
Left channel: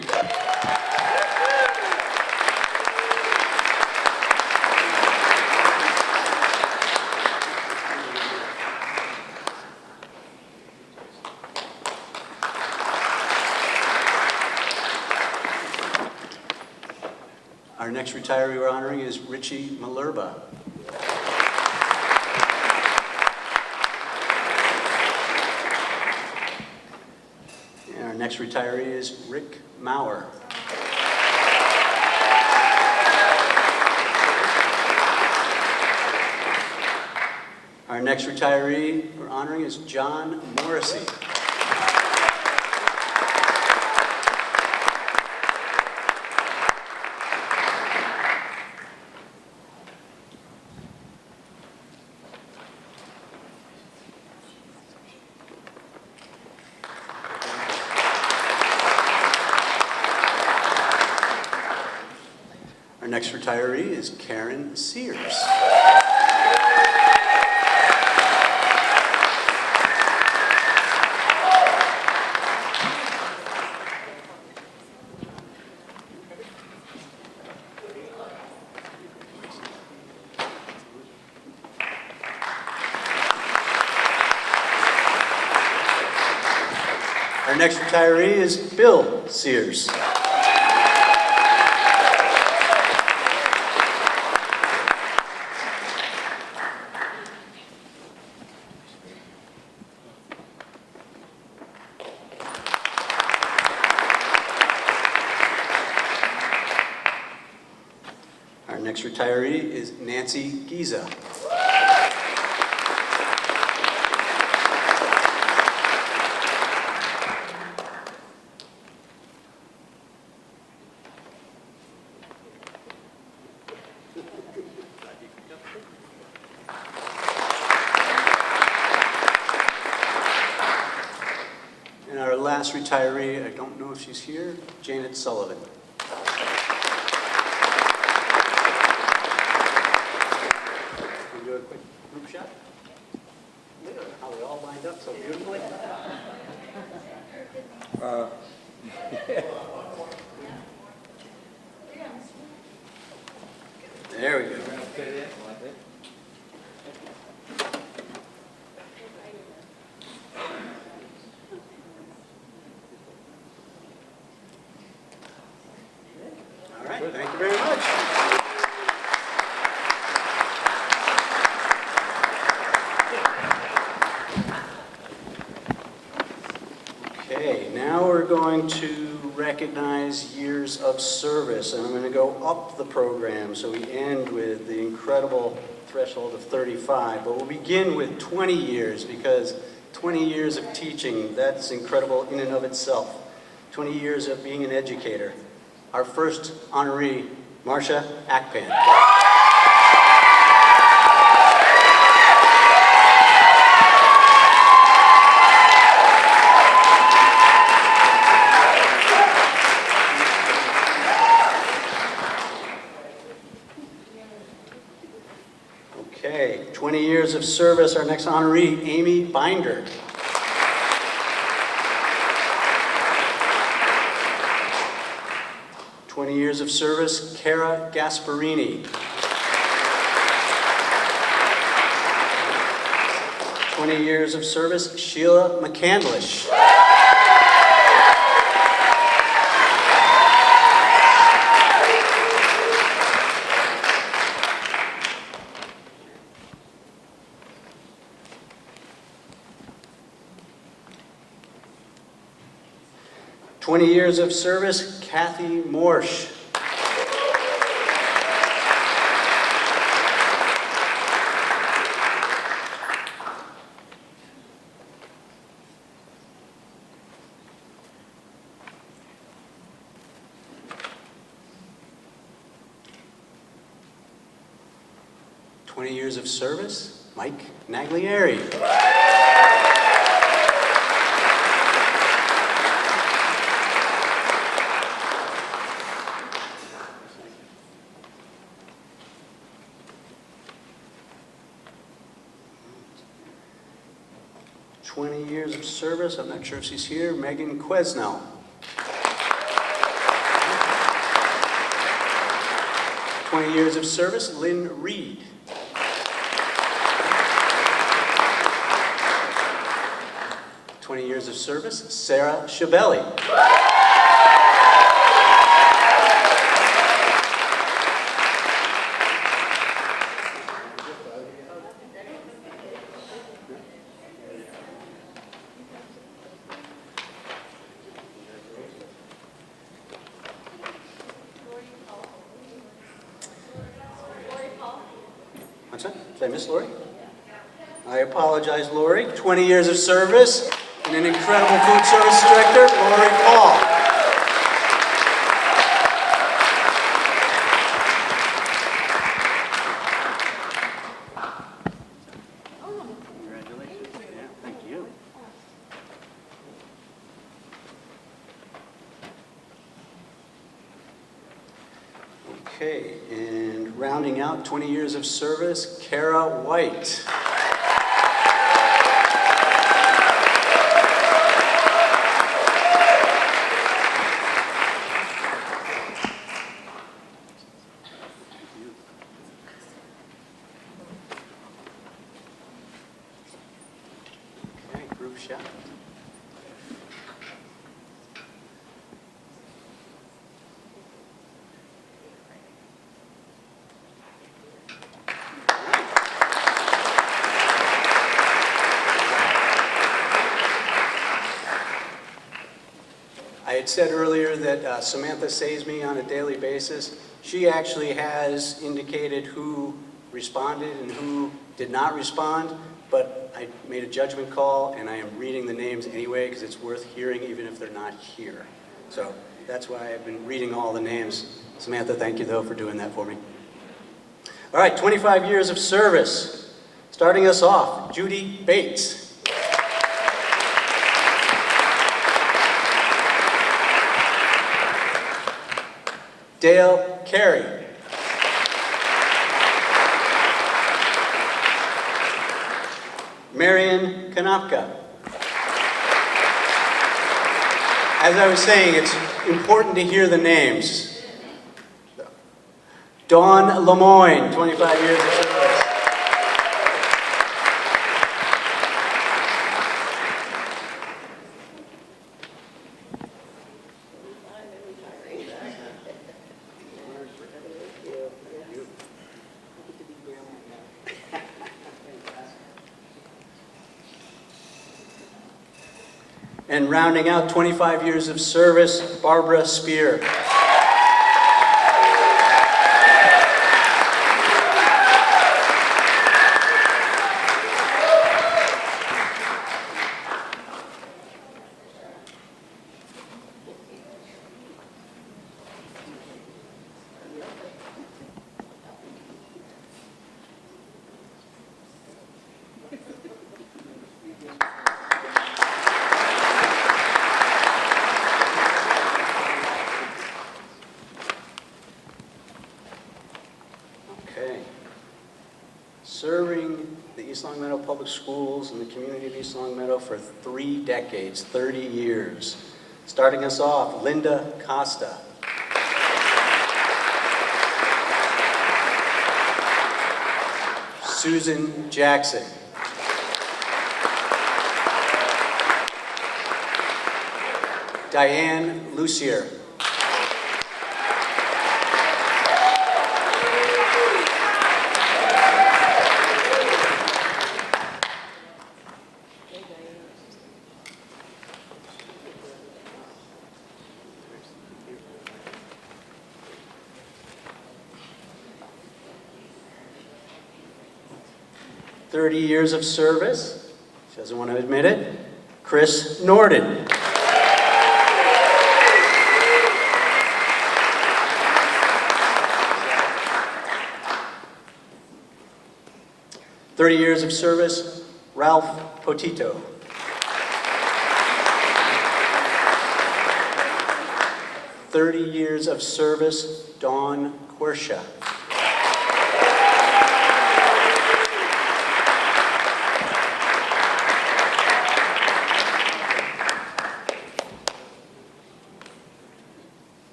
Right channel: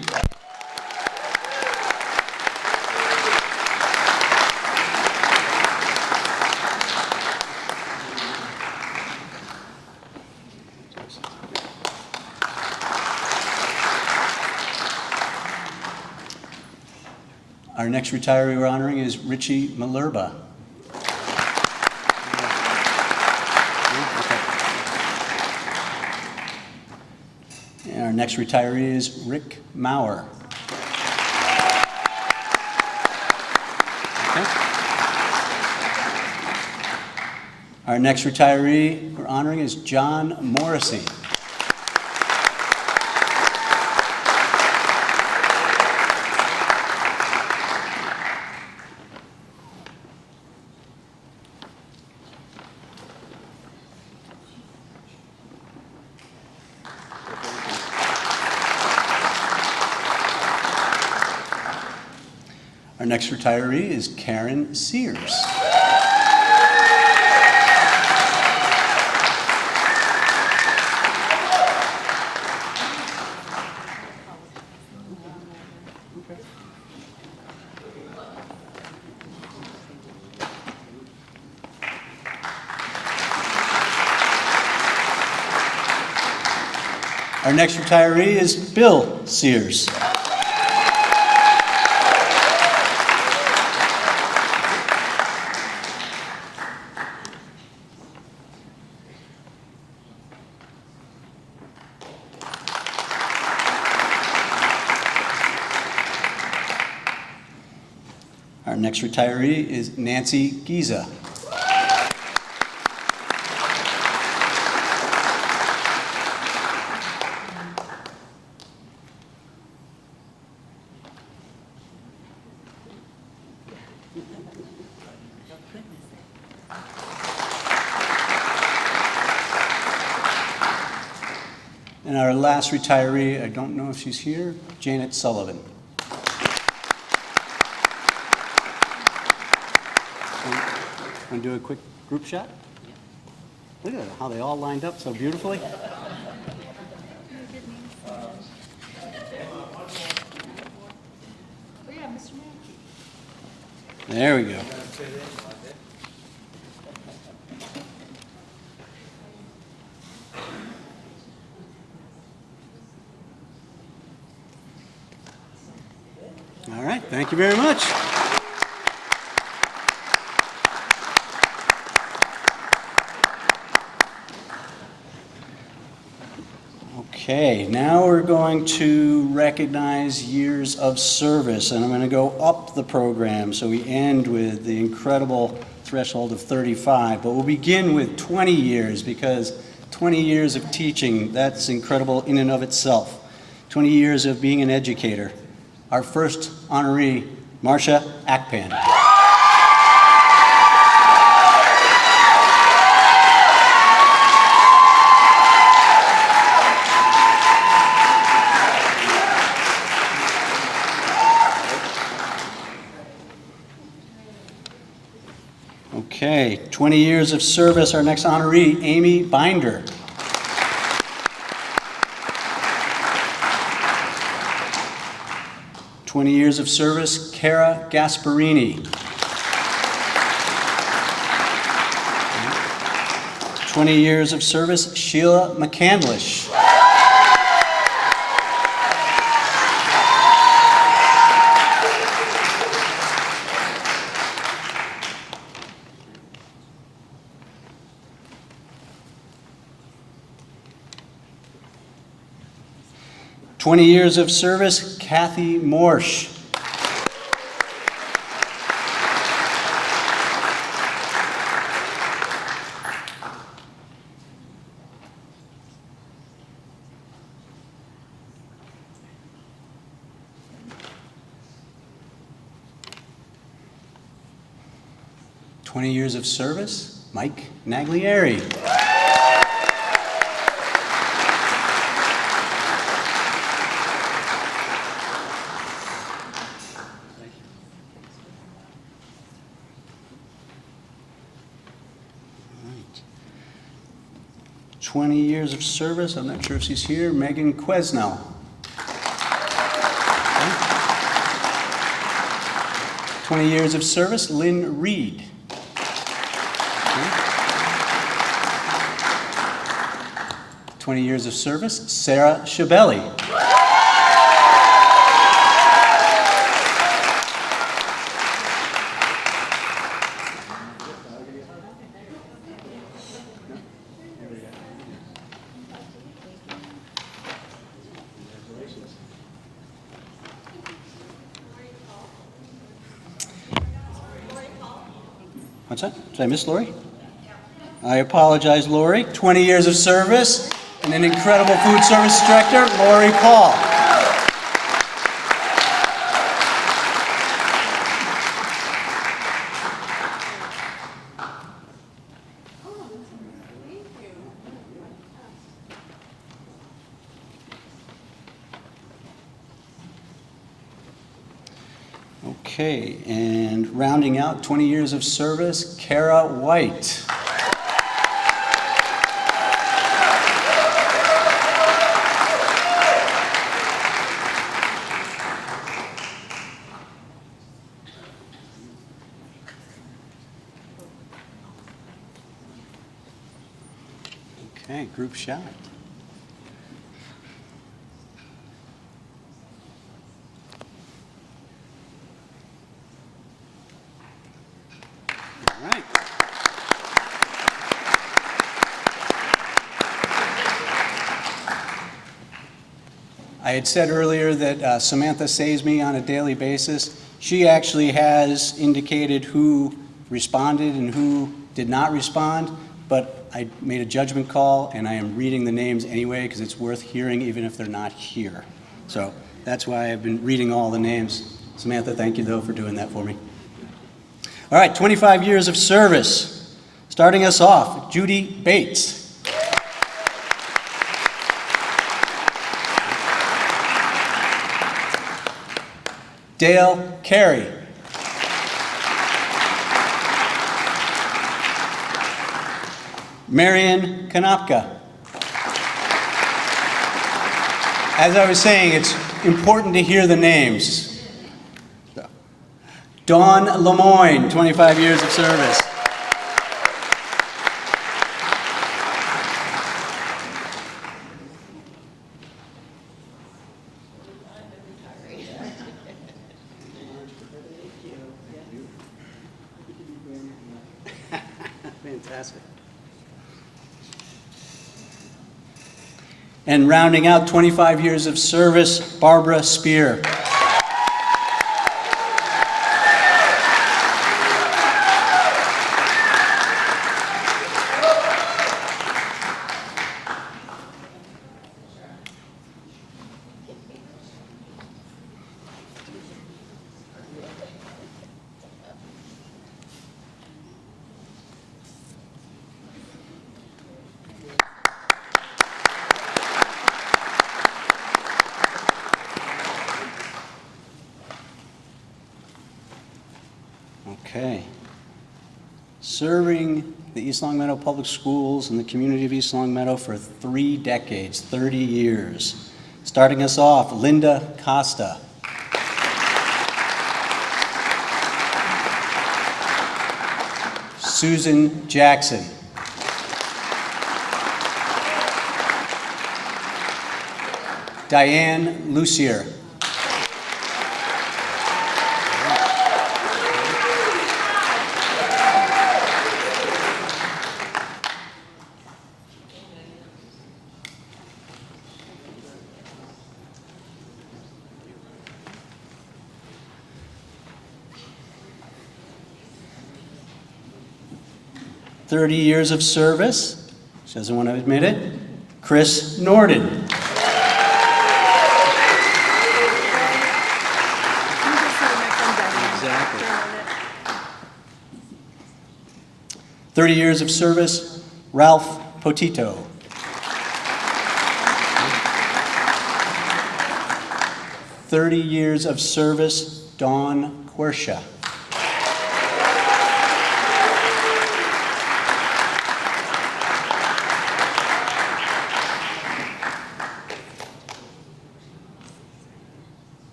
Our next retiree we're honoring is Richie Malerba. And our next retiree is Rick Maurer. Our next retiree we're honoring is John Morrissey. Our next retiree is Karen Sears. Our next retiree is Bill Sears. Our next retiree is Nancy Giza. And our last retiree, I don't know if she's here, Janet Sullivan. Want to do a quick group shot? Look at how they all lined up so beautifully. There we go. All right, thank you very much. Okay, now we're going to recognize years of service, and I'm going to go up the program so we end with the incredible threshold of 35, but we'll begin with 20 years because 20 years of teaching, that's incredible in and of itself. 20 years of being an educator. Our first honoree, Marcia Akpan. 20 years of service, our next honoree, Amy Binder. "20 years of service, Cara Gasparini. 20 years of service, Sheila McCandlish. 20 years of service, Kathy Morsch. 20 years of service, Mike Naglieri. 20 years of service, I'm not sure if she's here, Megan Quesnell. 20 years of service, Lynn Reed. 20 years of service, Sarah Shabelli. 'Did I miss Lori? I apologize, Lori. 20 years of service and an incredible food service director, Lori Paul. Okay, and rounding out 20 years of service, Kara White. Okay, group shot. I had said earlier that Samantha saves me on a daily basis. She actually has indicated who responded and who did not respond, but I made a judgment call and I am reading the names anyway because it's worth hearing even if they're not here. So that's why I've been reading all the names. Samantha, thank you though for doing that for me. All right, 25 years of service. Starting us off, Judy Bates. Dale Carey. Marion Kanopka. As I was saying, it's important to hear the names. Dawn Lemoyne, 25 years of service. And rounding out 25 years of service, Barbara Spear. Okay. Serving the East Long Meadow Public Schools and the community of East Long Meadow for 3 decades, 30 years. Starting us off, Linda Costa. Susan Jackson. Diane Lucier. "30 years of service," she doesn't want to admit it, Chris Norden. Exactly. 30 years of service, Ralph Potito. "30 years of service, Dawn Quersha.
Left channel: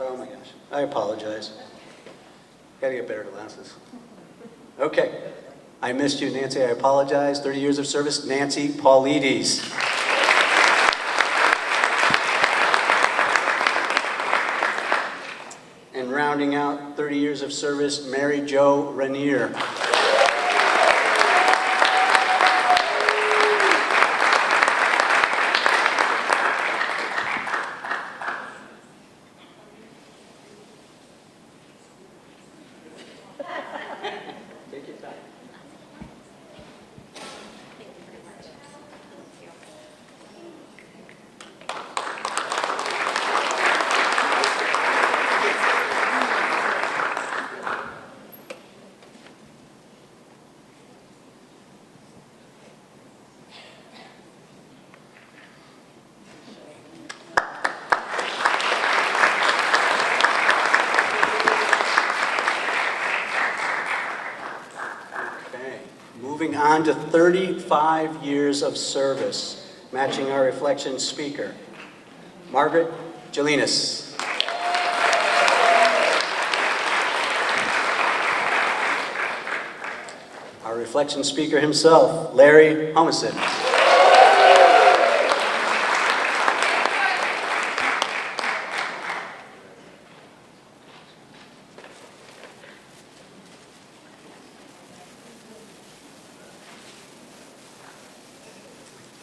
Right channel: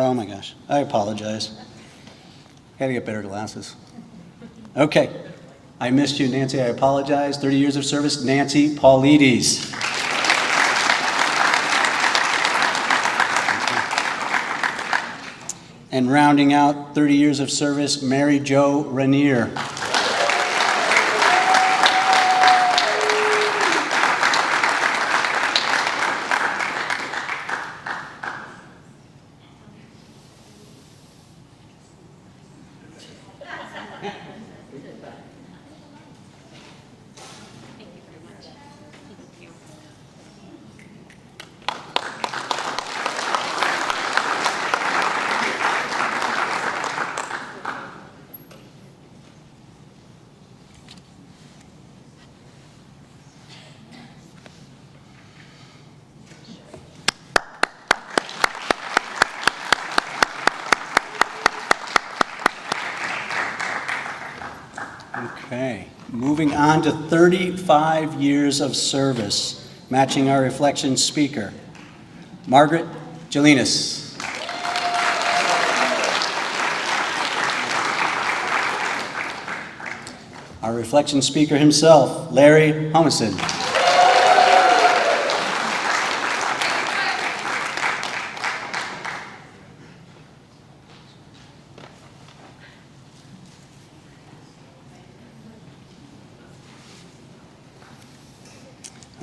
Oh my gosh, I apologize. Gotta get better glasses. Okay, I missed you, Nancy, I apologize. 30 years of service, Nancy Paulides. And rounding out 30 years of service, Mary Jo Rainier. Okay, moving on to 35 years of service, matching our reflection speaker, Margaret Jelinas. Our reflection speaker himself, Larry Humison.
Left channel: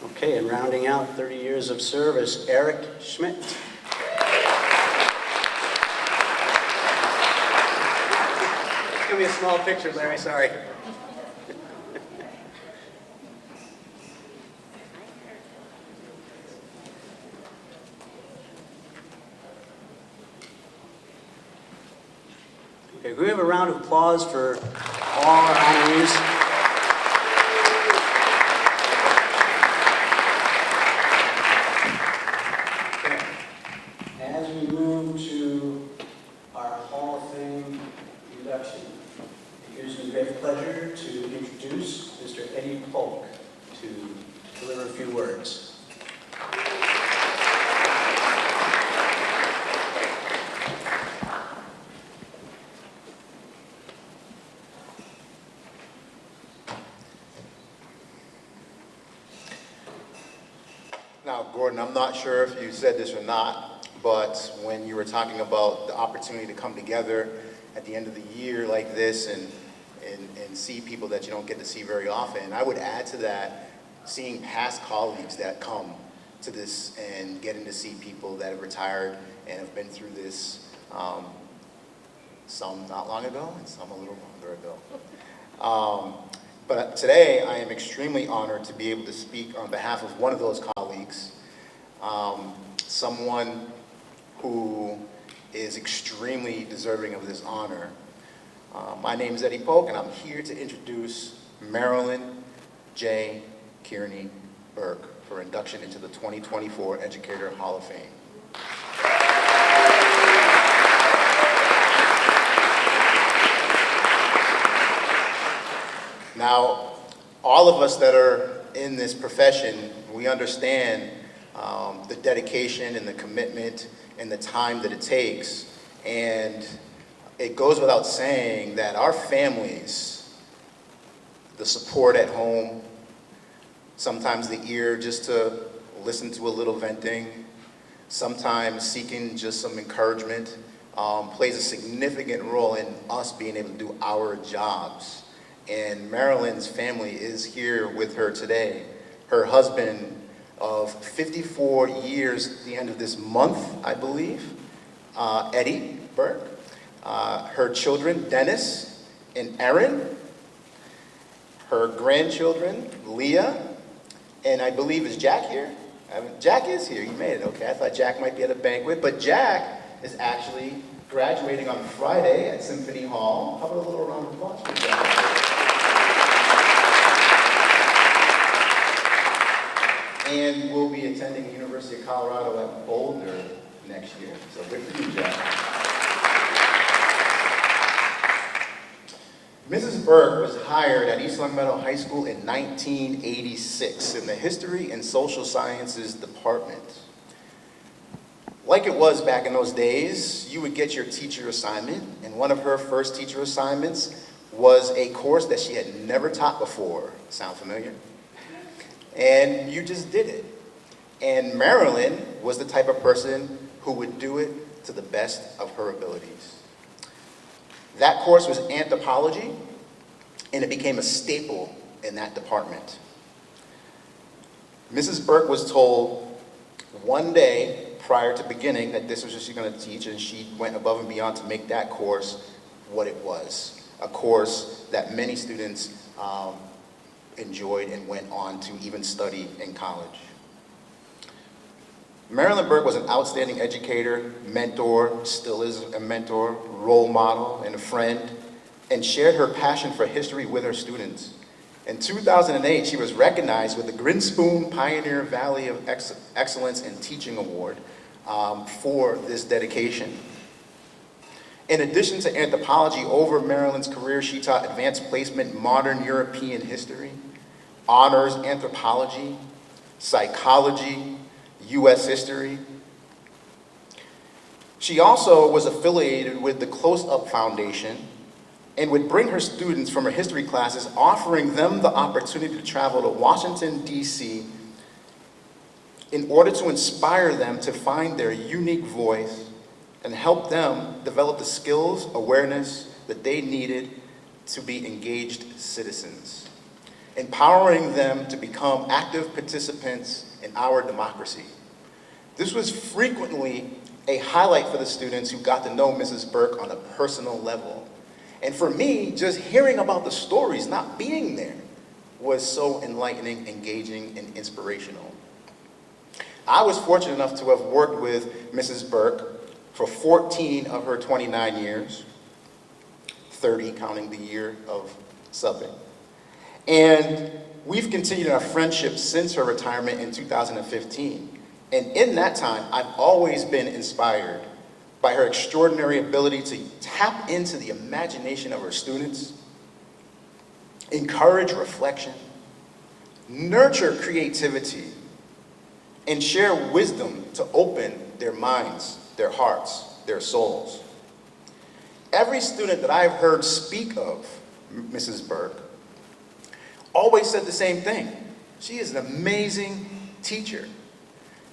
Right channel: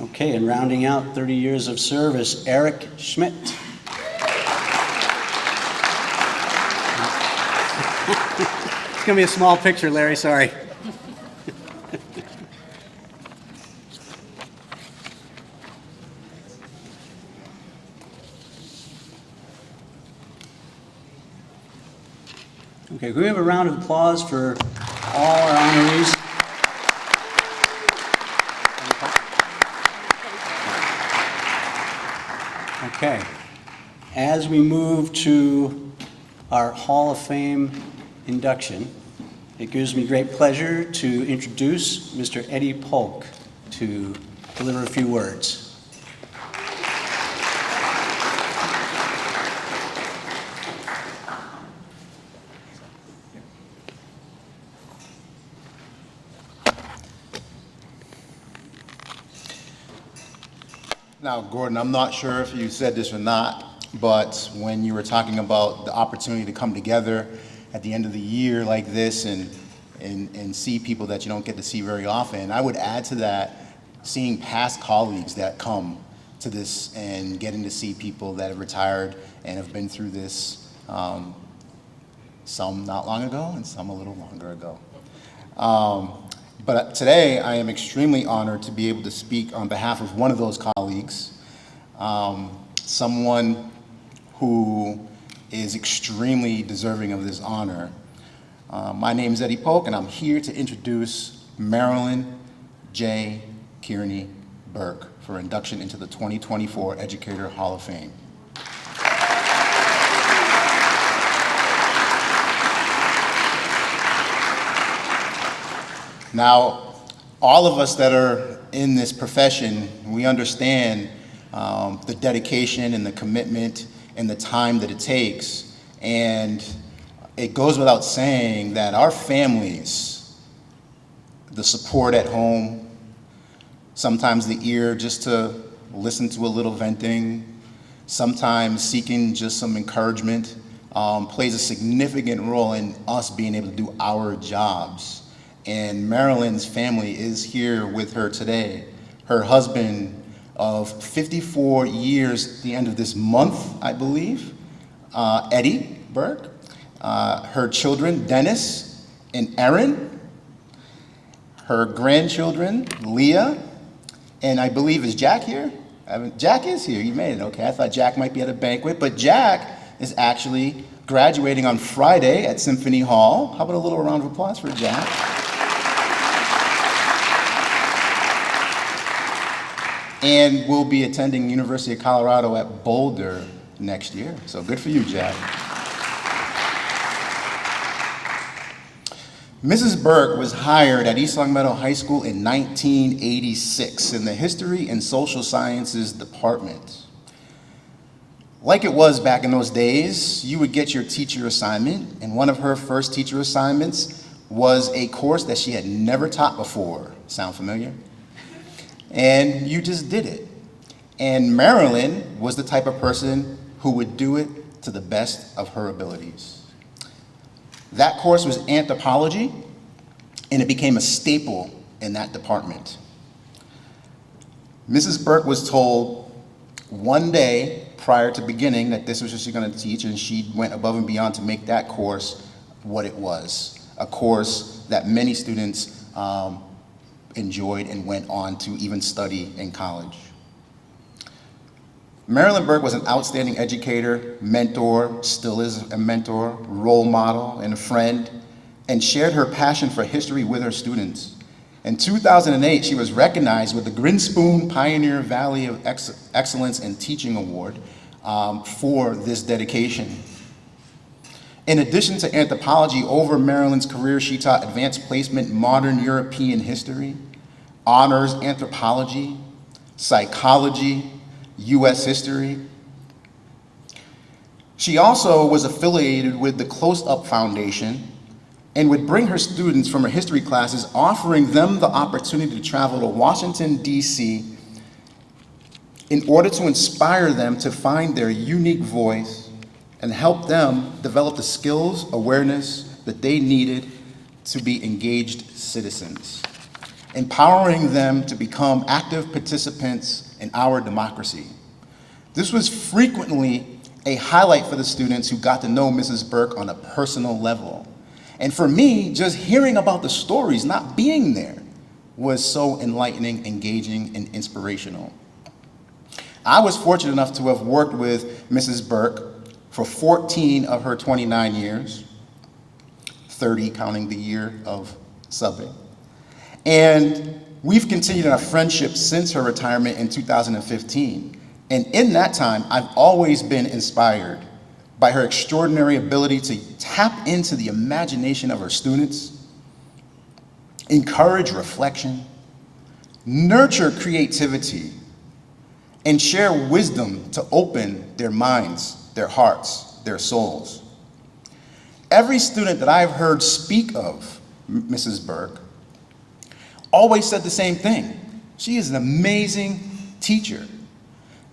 Okay, and rounding out 30 years of service, Eric Schmidt. It's going to be a small picture, Larry, sorry. Okay, can we have a round of applause for all our honorees? Okay, as we move to our Hall of Fame induction, it gives me great pleasure to introduce Mr. Eddie Polk to deliver a few words. Now, Gordon, I'm not sure if you said this or not, but when you were talking about the opportunity to come together at the end of the year like this and see people that you don't get to see very often, I would add to that seeing past colleagues that come to this and getting to see people that have retired and have been through this, some not long ago and some a little longer ago. But today, I am extremely honored to be able to speak on behalf of one of those colleagues, someone who is extremely deserving of this honor. My name is Eddie Polk, and I'm here to introduce Marilyn J. Kearney Burke for induction into the 2024 Educator Hall of Fame. Now, all of us that are in this profession, we understand the dedication and the commitment and the time that it takes. And it goes without saying that our families, the support at home, sometimes the ear just to listen to a little venting, sometimes seeking just some encouragement, plays a significant role in us being able to do our jobs. And Marilyn's family is here with her today. Her husband of 54 years at the end of this month, I believe, Eddie Burke. Her children, Dennis and Aaron. Her grandchildren, Leah, and I believe, is Jack here? Jack is here, you made it, okay. I thought Jack might be at a banquet, but Jack is actually graduating on Friday at Symphony Hall. How about a little round of applause for Jack? And will be attending University of Colorado at Boulder next year. So good for you, Jack. Mrs. Burke was hired at East Longmeadow High School in 1986 in the History and Social Sciences Department. Like it was back in those days, you would get your teacher assignment, and one of her first teacher assignments was a course that she had never taught before. Sound familiar? And you just did it. And Marilyn was the type of person who would do it to the best of her abilities. That course was anthropology, and it became a staple in that department. Mrs. Burke was told one day prior to beginning that this was what she was going to teach, and she went above and beyond to make that course what it was, a course that many students enjoyed and went on to even study in college. Marilyn Burke was an outstanding educator, mentor, still is a mentor, role model, and a friend, and shared her passion for history with her students. In 2008, she was recognized with the Grinspoon Pioneer Valley of Excellence in Teaching Award for this dedication. In addition to anthropology, over Marilyn's career, she taught advanced placement, modern European history, honors anthropology, psychology, U.S. history. She also was affiliated with the Close Up Foundation and would bring her students from her history classes, offering them the opportunity to travel to Washington, D.C. in order to inspire them to find their unique voice and help them develop the skills, awareness that they needed to be engaged citizens, empowering them to become active participants in our democracy. This was frequently a highlight for the students who got to know Mrs. Burke on a personal level. And for me, just hearing about the stories, not being there, was so enlightening, engaging, and inspirational. I was fortunate enough to have worked with Mrs. Burke for 14 of her 29 years, 30 counting the year of subbing. And we've continued our friendship since her retirement in 2015. And in that time, I've always been inspired by her extraordinary ability to tap into the imagination of her students, encourage reflection, nurture creativity, and share wisdom to open their minds, their hearts, their souls. Every student that I've heard speak of Mrs. Burke always said the same thing. She is an amazing teacher.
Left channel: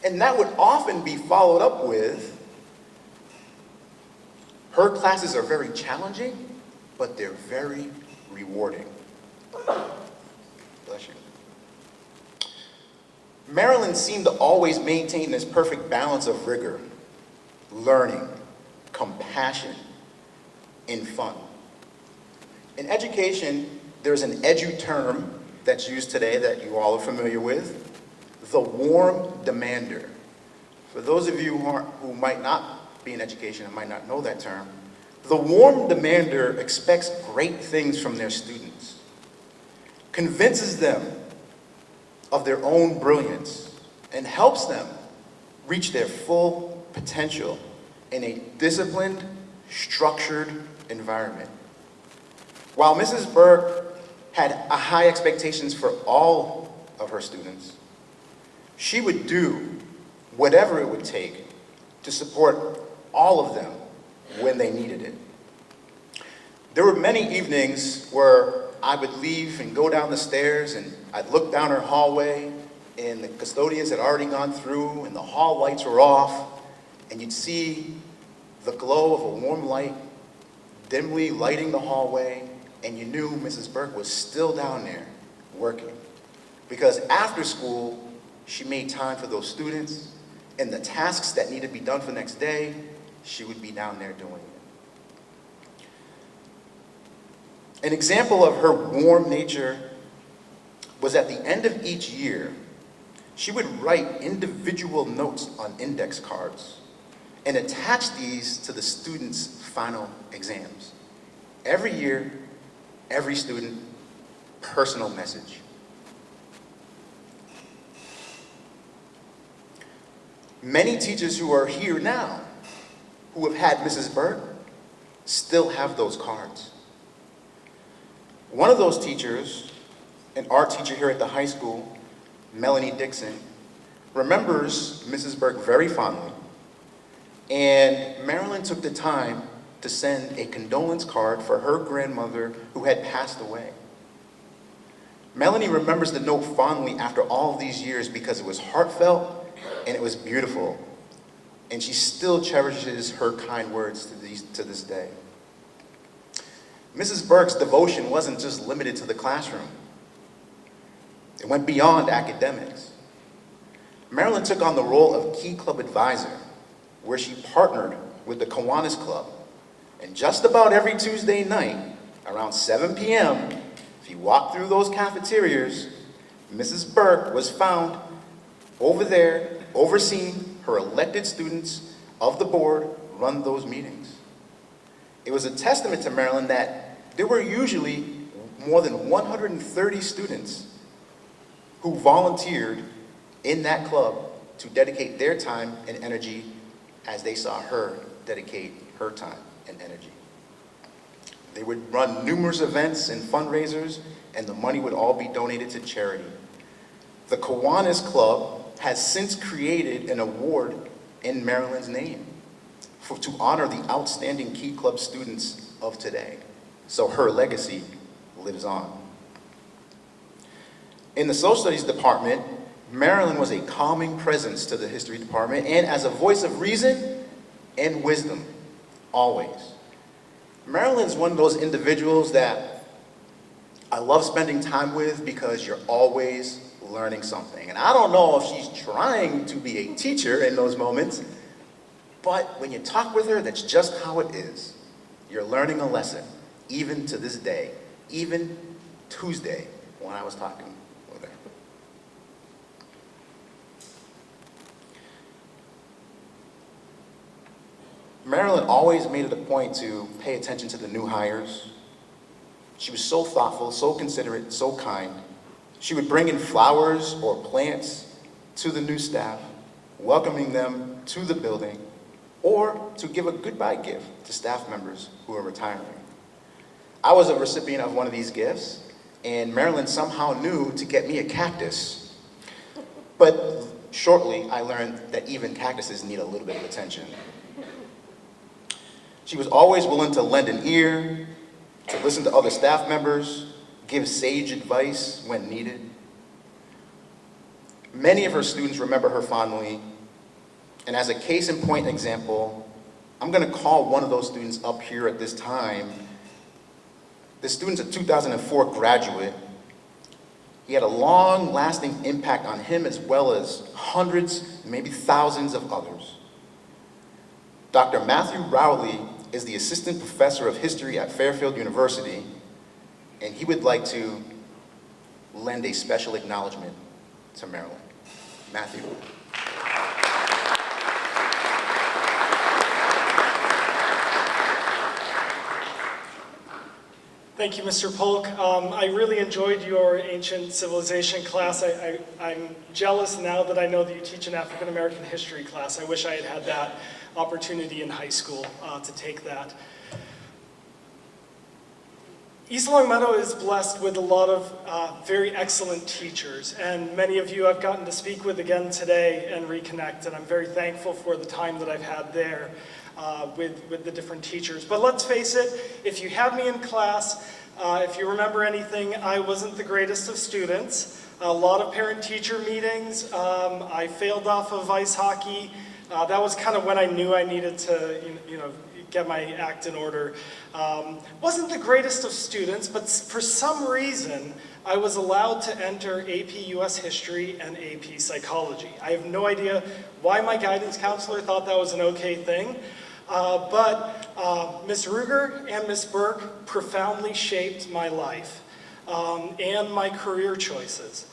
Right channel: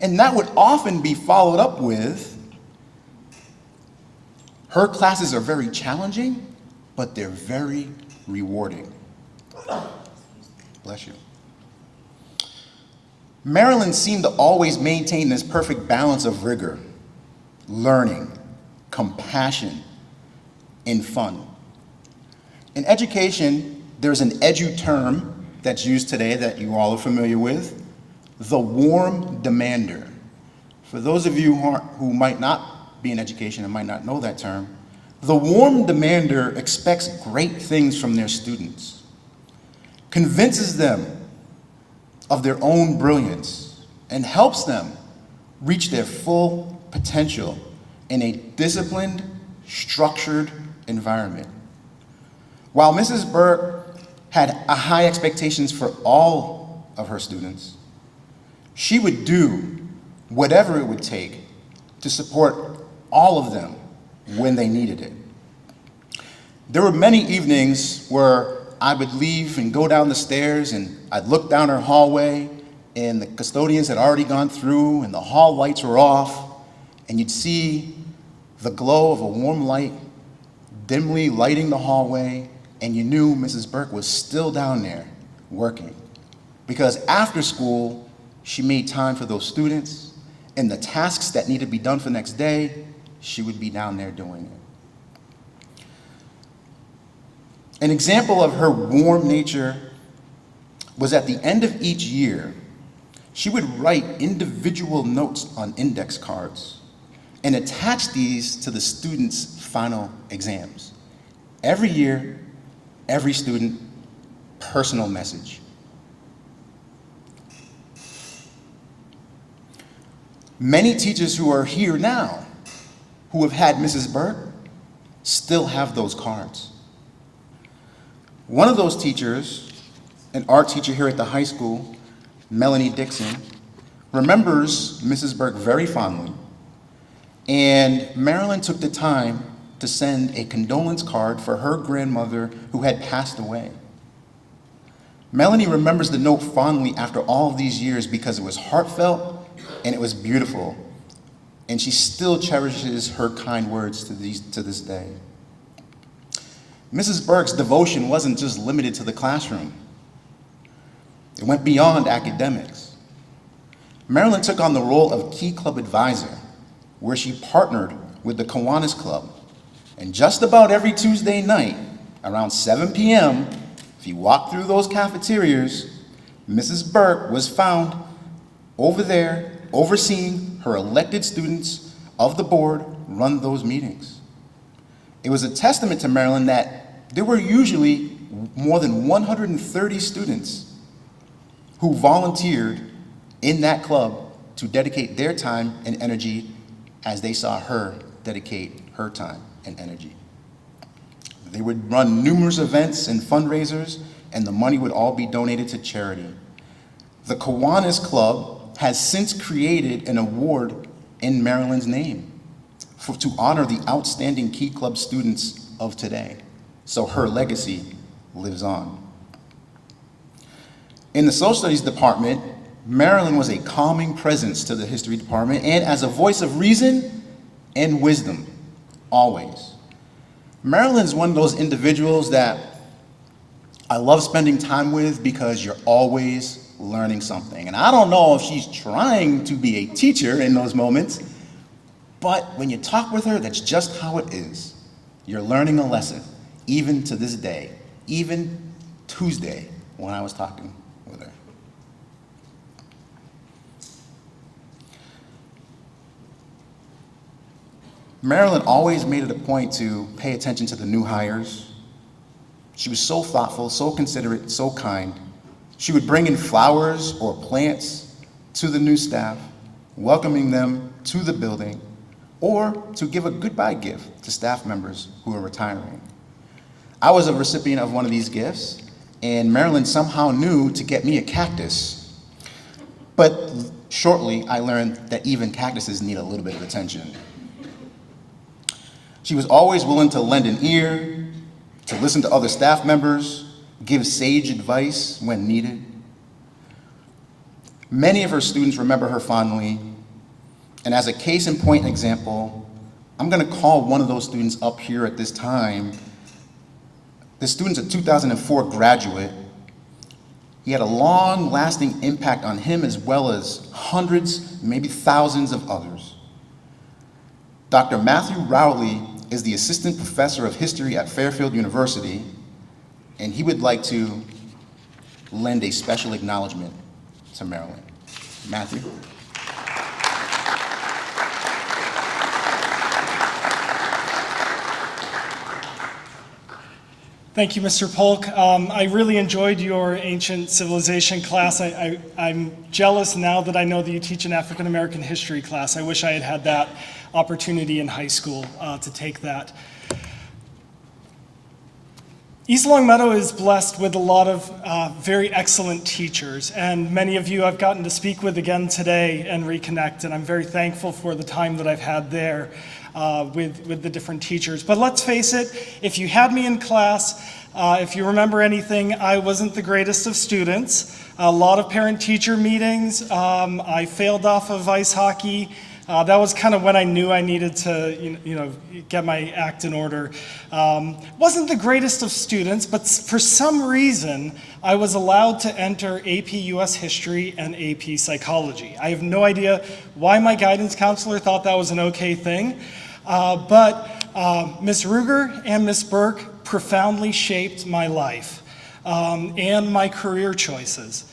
And that would often be followed up with, her classes are very challenging, but they're very rewarding. Bless you. Marilyn seemed to always maintain this perfect balance of rigor, learning, compassion, and fun. In education, there's an edu term that's used today that you all are familiar with, the warm demander. For those of you who might not be in education and might not know that term, the warm demander expects great things from their students, convinces them of their own brilliance, and helps them reach their full potential in a disciplined, structured environment. While Mrs. Burke had high expectations for all of her students, she would do whatever it would take to support all of them when they needed it. There were many evenings where I would leave and go down the stairs, and I'd look down her hallway, and the custodians had already gone through, and the hall lights were off, and you'd see the glow of a warm light dimly lighting the hallway, and you knew Mrs. Burke was still down there working. Because after school, she made time for those students, and the tasks that needed to be done for the next day, she would be down there doing it. An example of her warm nature was at the end of each year, she would write individual notes on index cards and attach these to the students' final exams. Every year, every student, personal message. Many teachers who are here now, who have had Mrs. Burke, still have those cards. One of those teachers, an art teacher here at the high school, Melanie Dixon, remembers Mrs. Burke very fondly, and Marilyn took the time to send a condolence card for her grandmother who had passed away. Melanie remembers the note fondly after all of these years because it was heartfelt and it was beautiful, and she still cherishes her kind words to this day. Mrs. Burke's devotion wasn't just limited to the classroom. It went beyond academics. Marilyn took on the role of Key Club advisor, where she partnered with the Kiwanis Club. And just about every Tuesday night, around 7 p.m., if you walk through those cafeterias, Mrs. Burke was found over there overseeing her elected students of the board run those meetings. It was a testament to Marilyn that there were usually more than 130 students who volunteered in that club to dedicate their time and energy as they saw her dedicate her time and energy. They would run numerous events and fundraisers, and the money would all be donated to charity. The Kiwanis Club has since created an award in Marilyn's name to honor the outstanding Key Club students of today. So her legacy lives on. In the social studies department, Marilyn was a calming presence to the history department and as a voice of reason and wisdom, always. Marilyn's one of those individuals that I love spending time with because you're always learning something. And I don't know if she's trying to be a teacher in those moments, but when you talk with her, that's just how it is. You're learning a lesson, even to this day, even Tuesday when I was talking with her. Marilyn always made it a point to pay attention to the new hires. She was so thoughtful, so considerate, so kind. She would bring in flowers or plants to the new staff, welcoming them to the building, or to give a goodbye gift to staff members who are retiring. I was a recipient of one of these gifts, and Marilyn somehow knew to get me a cactus. But shortly, I learned that even cactuses need a little bit of attention. She was always willing to lend an ear, to listen to other staff members, give sage advice when needed. Many of her students remember her fondly And as a case in point example, I'm going to call one of those students up here at this time. The student's a 2004 graduate. He had a long-lasting impact on him as well as hundreds, maybe thousands of others. Dr. Matthew Rowley is the assistant professor of history at Fairfield University, and he would like to lend a special acknowledgement to Marilyn. Matthew. Thank you, Mr. Polk. I really enjoyed your ancient civilization class. I'm jealous now that I know that you teach an African American history class. I wish I had had that opportunity in high school to take that. East Longmeadow is blessed with a lot of very excellent teachers, and many of you I've gotten to speak with again today and reconnect, and I'm very thankful for the time that I've had there with the different teachers. But let's face it, if you had me in class, if you remember anything, I wasn't the greatest of students. A lot of parent-teacher meetings. I failed off of ice hockey. That was kind of when I knew I needed to, get my act in order. Wasn't the greatest of students, but for some reason, I was allowed to enter AP US History and AP Psychology. I have no idea why my guidance counselor thought that was an okay thing, but Ms. Ruger and Ms. Burke profoundly shaped my life and my career choices.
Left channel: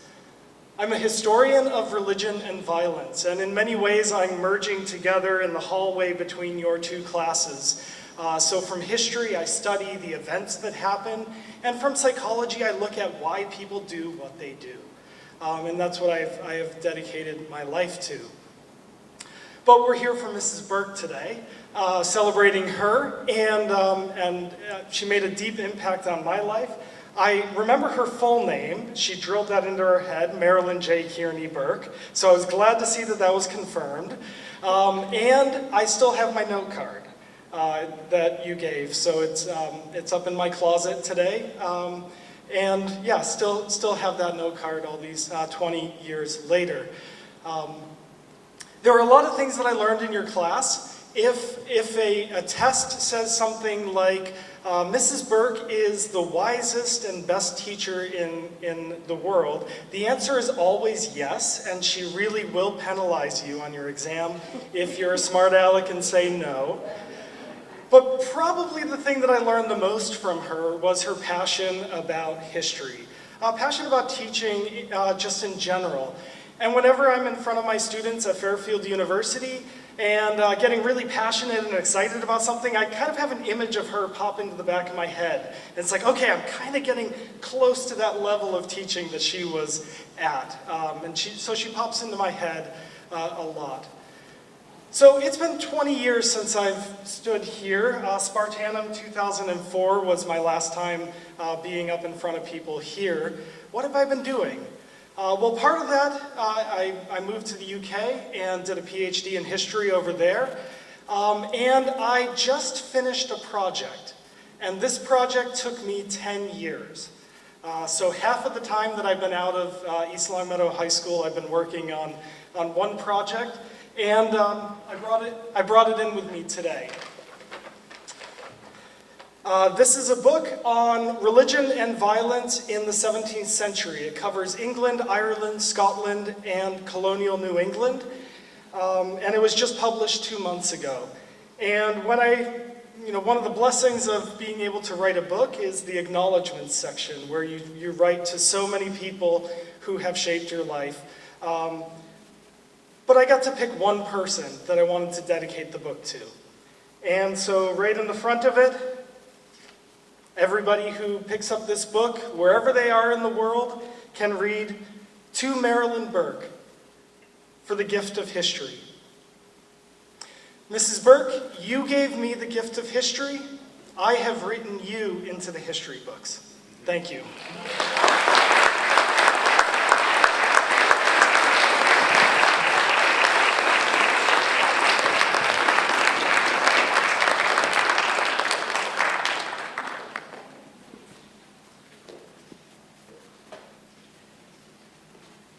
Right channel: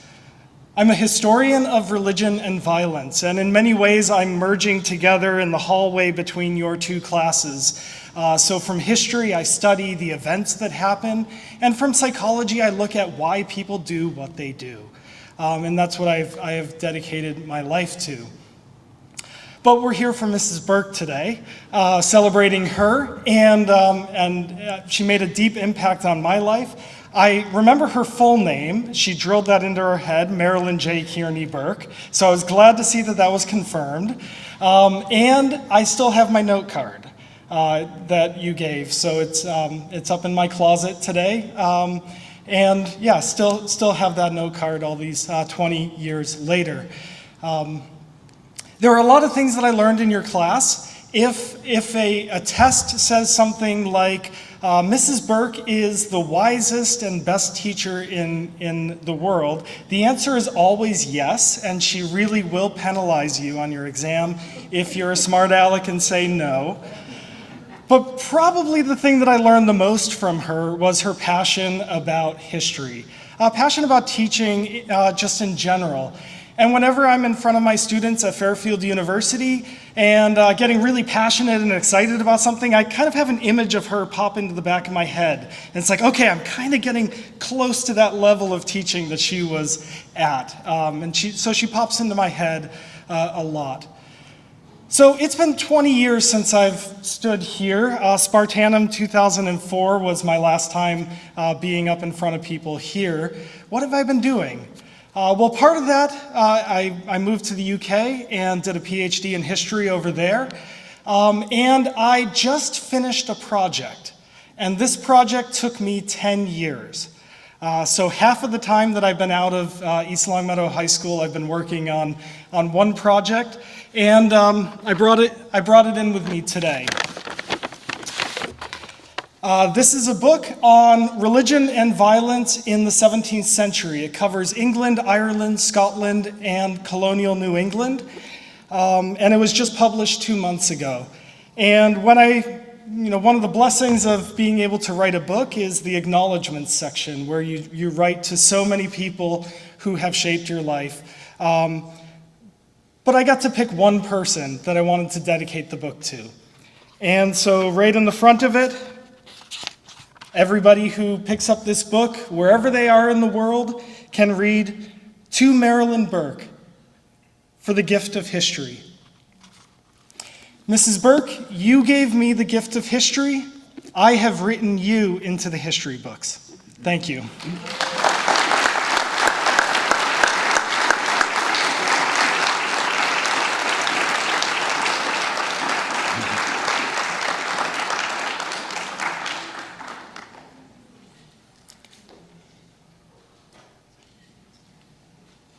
I'm a historian of religion and violence, and in many ways I'm merging together in the hallway between your two classes. So from history, I study the events that happen, and from psychology, I look at why people do what they do. And that's what I have dedicated my life to. But we're here for Mrs. Burke today, celebrating her, and she made a deep impact on my life. I remember her full name. She drilled that into her head, Marilyn J. Kearney Burke. So I was glad to see that that was confirmed. And I still have my note card that you gave. So it's up in my closet today. And yeah, still have that note card all these 20 years later. There were a lot of things that I learned in your class. If a test says something like, Mrs. Burke is the wisest and best teacher in the world, the answer is always yes, and she really will penalize you on your exam if you're a smart aleck and say no. But probably the thing that I learned the most from her was her passion about history, passion about teaching just in general. And whenever I'm in front of my students at Fairfield University and getting really passionate and excited about something, I kind of have an image of her pop into the back of my head. And it's like, okay, I'm kind of getting close to that level of teaching that she was at. So she pops into my head a lot. So it's been 20 years since I've stood here. Spartanum 2004 was my last time being up in front of people here. What have I been doing? Well, part of that, I moved to the UK and did a PhD in history over there. And I just finished a project. And this project took me 10 years. So half of the time that I've been out of East Longmeadow High School, I've been working on one project. And I brought it in with me today. This is a book on religion and violence in the 17th century. It covers England, Ireland, Scotland, and colonial New England. And it was just published 2 months ago. And one of the blessings of being able to write a book is the acknowledgments section, where you write to so many people who have shaped your life. But I got to pick one person that I wanted to dedicate the book to. And so right in the front of it, everybody who picks up this book, wherever they are in the world, can read to Marilyn Burke for the gift of history. Mrs. Burke, you gave me the gift of history. I have written you into the history books. Thank you.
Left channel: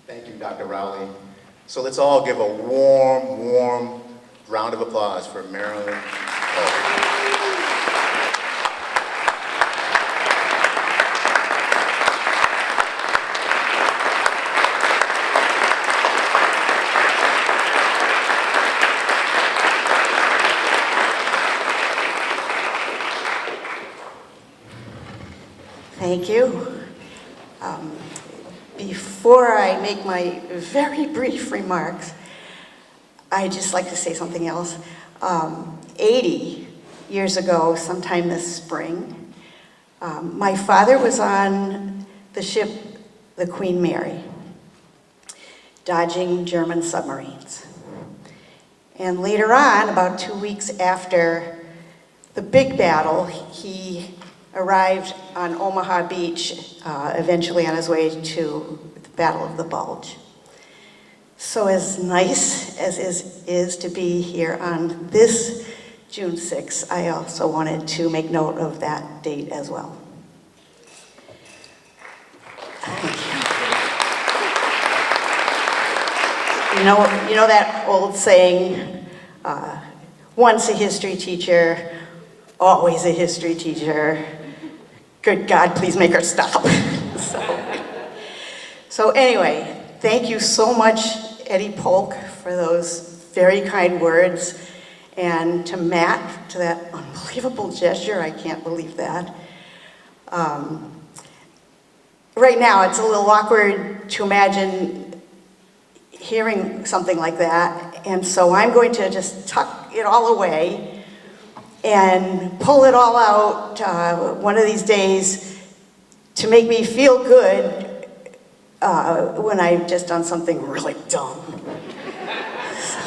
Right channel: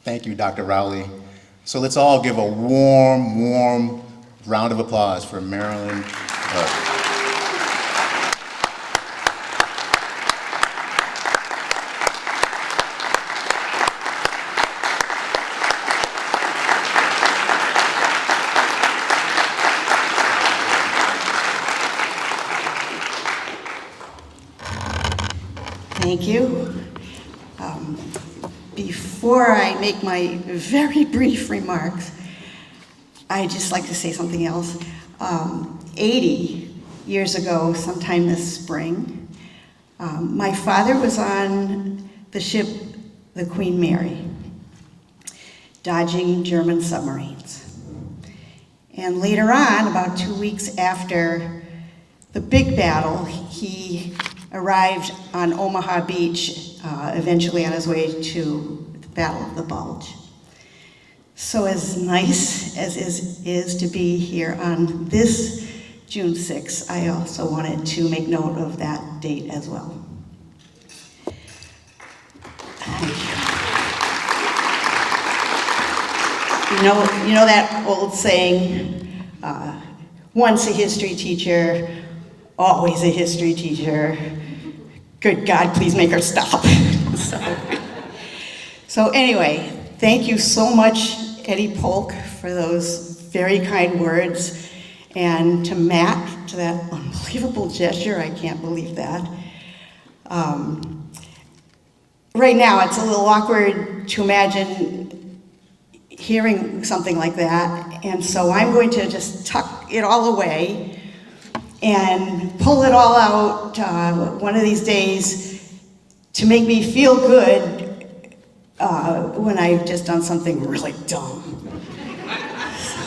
Thank you, Dr. Rowley. So let's all give a warm, warm round of applause for Marilyn Polk. Thank you. Before I make my very brief remarks, I'd just like to say something else. 80 years ago, sometime this spring, my father was on the ship, the Queen Mary, dodging German submarines. And later on, about 2 weeks after the big battle, he arrived on Omaha Beach, eventually on his way to the Battle of the Bulge. So as nice as it is to be here on this June 6th, I also wanted to make note of that date as well. You know that old saying, once a history teacher, always a history teacher. Good God, please make her stop. So anyway, thank you so much, Eddie Polk, for those very kind words. And to Matt, to that unbelievable gesture, I can't believe that. Right now, it's a little awkward to imagine hearing something like that. And so I'm going to just tuck it all away and pull it all out one of these days to make me feel good when I've just done something really dumb. So,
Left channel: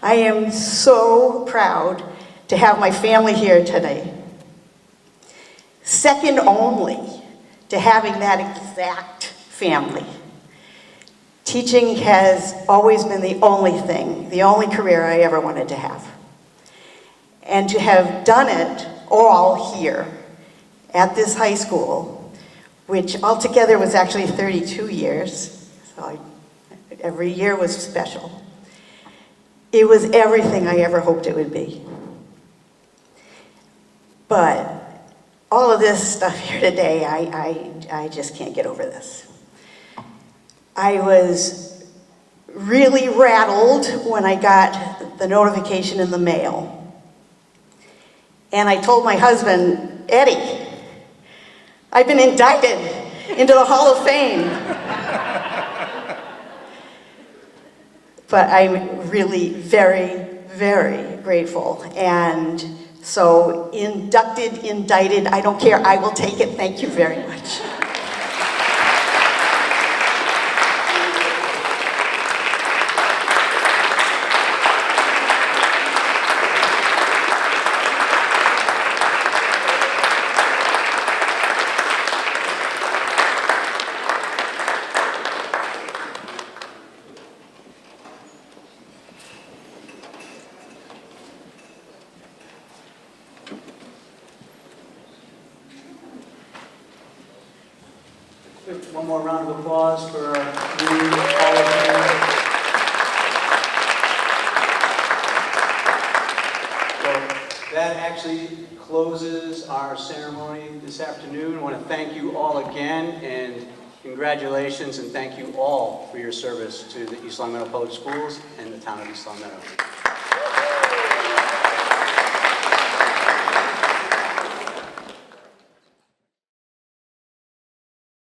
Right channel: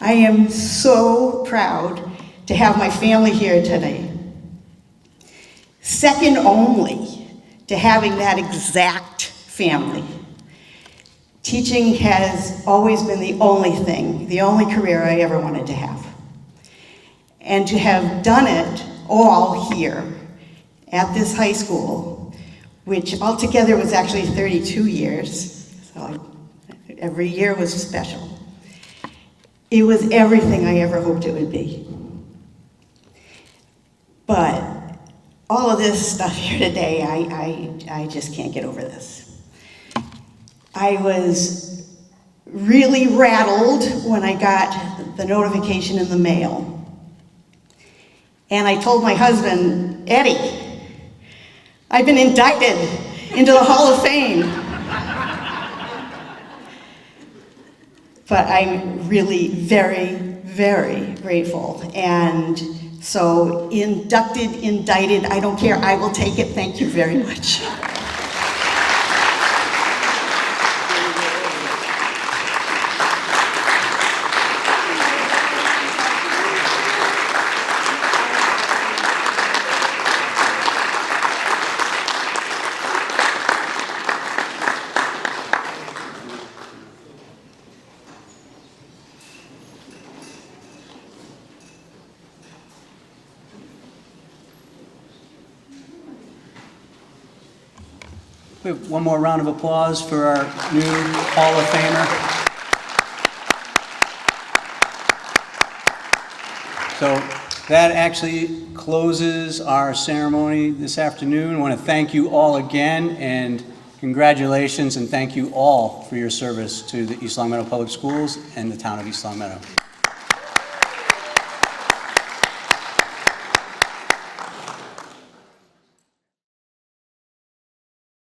I am so proud to have my family here today. Second only to having that exact family. Teaching has always been the only thing, the only career I ever wanted to have. And to have done it all here at this high school, which altogether was actually 32 years, so every year was special. It was everything I ever hoped it would be. But all of this stuff here today, I just can't get over this. I was really rattled when I got the notification in the mail. And I told my husband, Eddie, I've been indicted into the Hall of Fame. But I'm really very, very grateful. And so inducted, indicted, I don't care, I will take it. Thank you very much. We have one more round of applause for our new Hall of Famer. So that actually closes our ceremony this afternoon. I want to thank you all again, and congratulations, and thank you all for your service to the East Long Meadow Public Schools and the town of East Long Meadow.